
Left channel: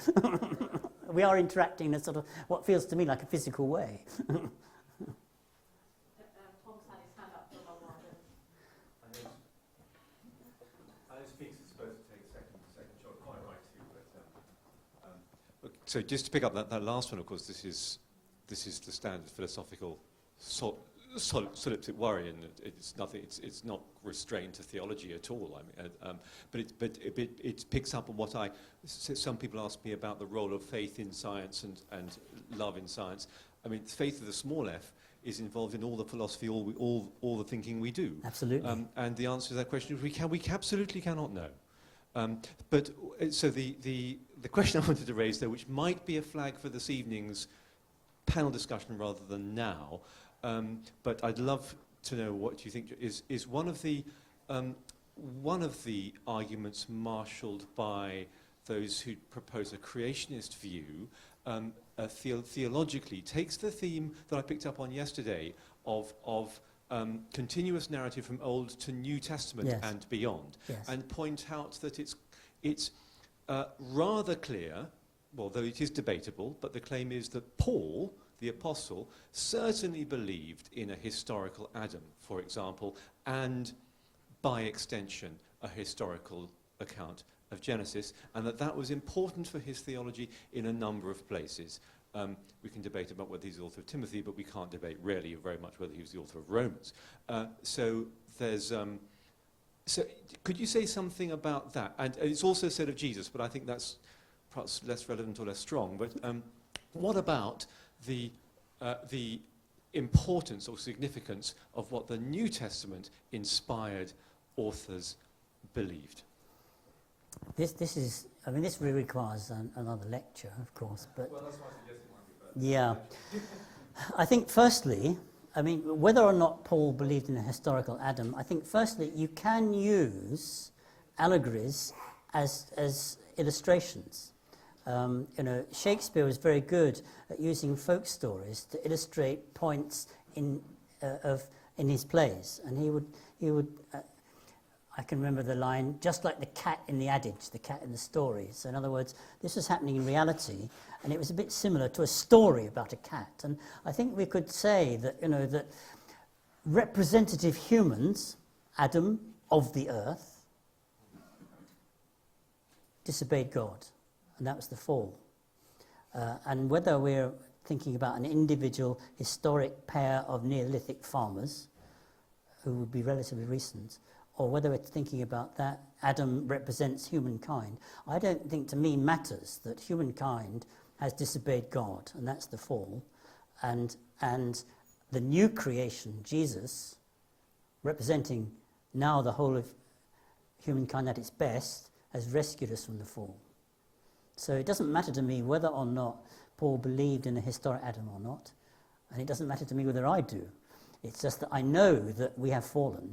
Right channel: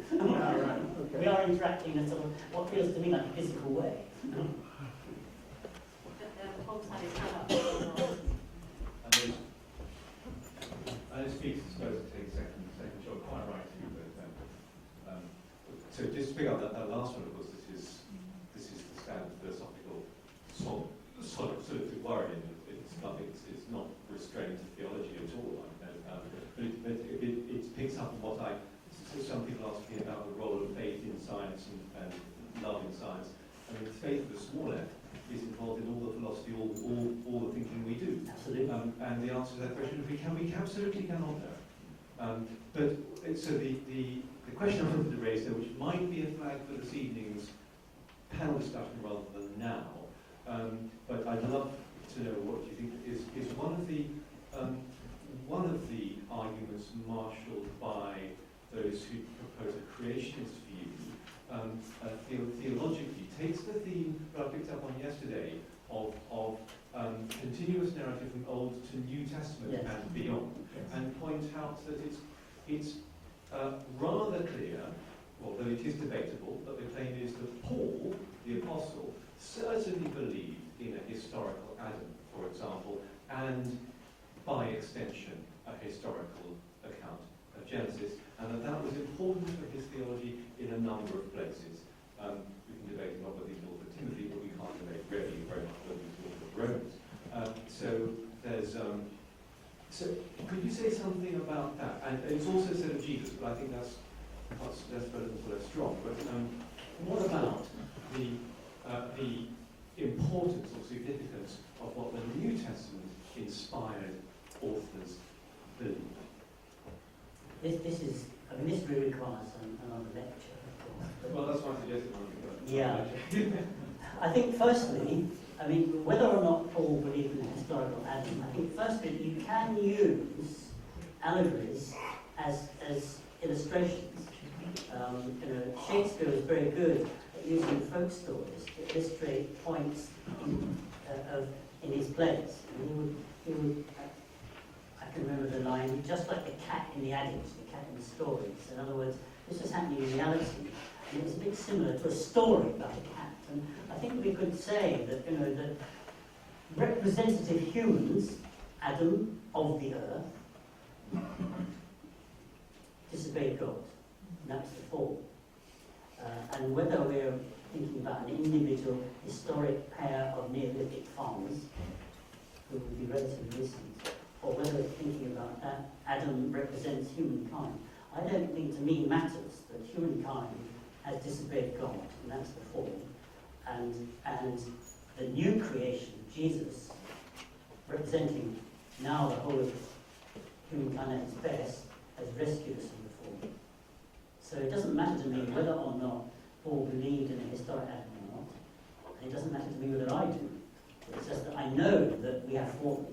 We are interacting in a sort of what feels to me like a physical way. So just to pick up that last one, of course, this is the standard philosophical sort of worry, and it's nothing. It's not restrained to theology at all. But it picks up what some people ask me about the role of faith in science and love in science. I mean, the faith of the small f is involved in all the philosophy, all the thinking we do. Absolutely. And the answer to that question is we absolutely cannot know. But so the question I wanted to raise there, which might be a flag for this evening's panel discussion rather than now, but I'd love to know what you think is one of the arguments marshalled by those who propose a creationist view, theologically takes the theme that I picked up on yesterday of continuous narrative from Old to New Testament and beyond, and point out that it's rather clear, although it is debatable, but the claim is that Paul, the apostle, certainly believed in a historical Adam, for example, and by extension a historical account of Genesis, and that was important for his theology in a number of places. We can debate about whether he's the author of Timothy, but we can't debate really very much whether he's the author of Romans. So there's... So could you say something about that? And it's also said of Jesus, but I think that's perhaps less relevant or less strong. But what about the importance or significance of what the New Testament inspired authors believed? This really requires another lecture, of course. But well, that's why I suggested. Yeah. I think firstly, whether or not Paul believed in a historical Adam, I think firstly you can use allegories as illustrations. Shakespeare was very good at using folk stories to illustrate points in his plays, and he would. I can remember the line, just like the cat in the adage, the cat in the stories. In other words, this was happening in reality, and it was a bit similar to a story about a cat. And I think we could say that that representative humans, Adam of the earth, disobeyed God, and that was the fall. And whether we're thinking about an individual historic pair of Neolithic farmers, who would be relatively recent, or whether it's thinking about that Adam represents humankind, I don't think to me matters that humankind has disobeyed God, and that's the fall, and the new creation, Jesus, representing now the whole of humankind at its best, has rescued us from the fall. So it doesn't matter to me whether or not Paul believed in a historic Adam or not, and it doesn't matter to me whether I do. It's just that I know that we have fallen,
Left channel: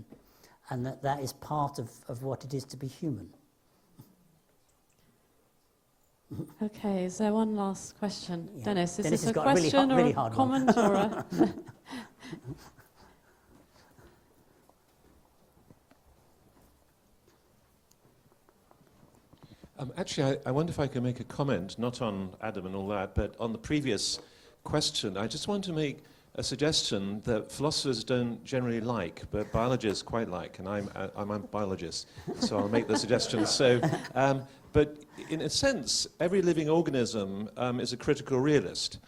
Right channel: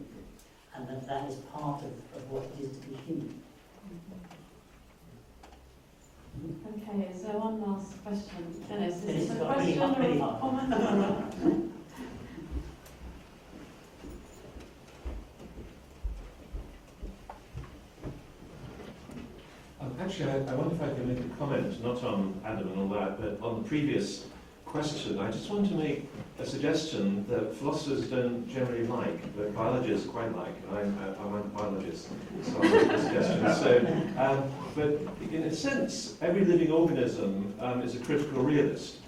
and that is part of what it is to be human. Okay, is there one last question? Yeah. Dennis, is Dennis this has a got question really or a hard comment or a... Actually, I wonder if I could make a comment, not on Adam and all that, but on the previous question. I just want to make a suggestion that philosophers don't generally like, but biologists quite like, and I'm a biologist, so I'll make the suggestion. So, but in a sense, every living organism is a critical realist,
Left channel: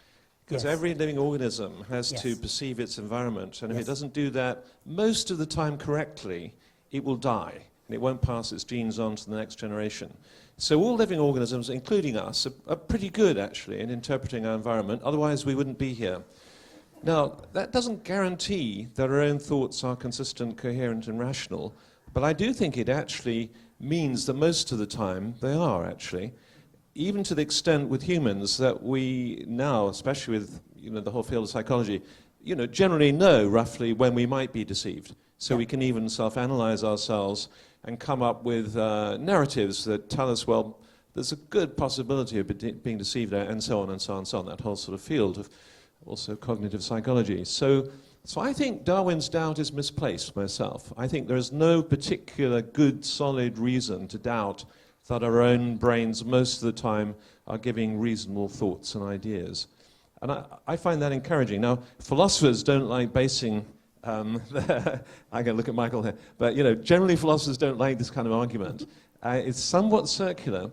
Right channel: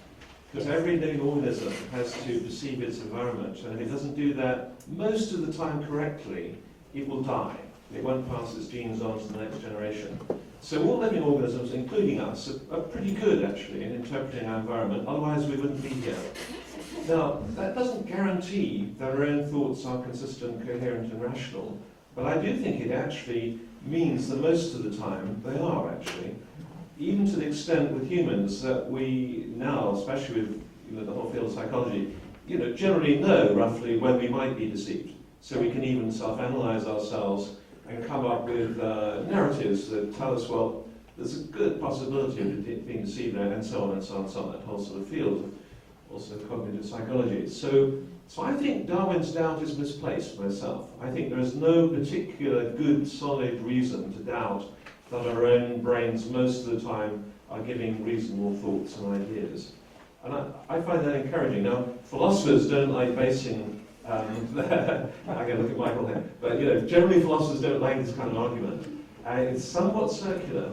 because every living organism has to perceive its environment, and if it doesn't do that most of the time correctly, it will die. It won't pass its genes on to the next generation. So all living organisms, including us, are pretty good, actually, in interpreting our environment, otherwise we wouldn't be here. Now, that doesn't guarantee that our own thoughts are consistent, coherent, and rational, but I do think it actually means that most of the time they are, actually. Even to the extent with humans that we now, especially with the whole field of psychology, generally know roughly when we might be deceived. So we can even self-analyze ourselves and come up with narratives that tell us, well, there's a good possibility of being deceived, and so on and so on and so on, that whole sort of field of also cognitive psychology. So I think Darwin's doubt is misplaced myself. I think there is no particular good, solid reason to doubt that our own brains most of the time are giving reasonable thoughts and ideas. And I find that encouraging. Now, philosophers don't like basing I'm going to look at Michael here. But, generally philosophers don't like this kind of argument. It's somewhat circular.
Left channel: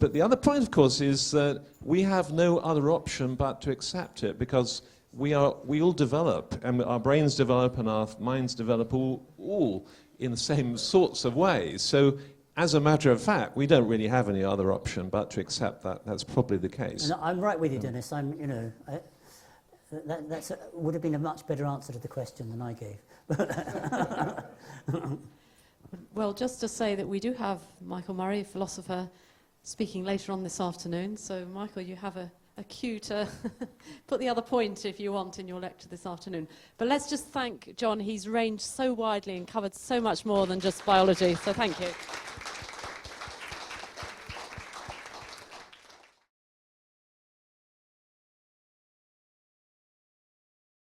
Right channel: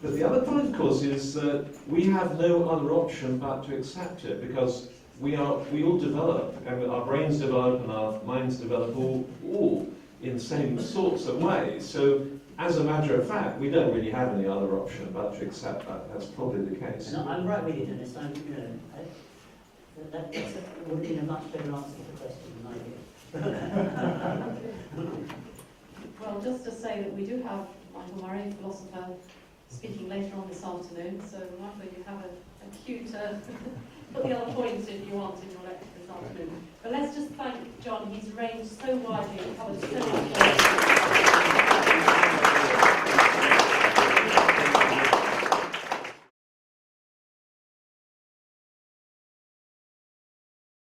But the other point, of course, is that we have no other option but to accept it, because we all develop, and our brains develop, and our minds develop all in the same sorts of ways. So, as a matter of fact, we don't really have any other option but to accept that. That's probably the case. No, I'm right with you, Dennis. That would have been a much better answer to the question than I gave. Well, just to say that we do have Michael Murray, a philosopher, speaking later on this afternoon. So, Michael, you have a cue to put the other point, if you want, in your lecture this afternoon. But let's just thank John. He's ranged so widely and covered so much more than just biology. So thank you.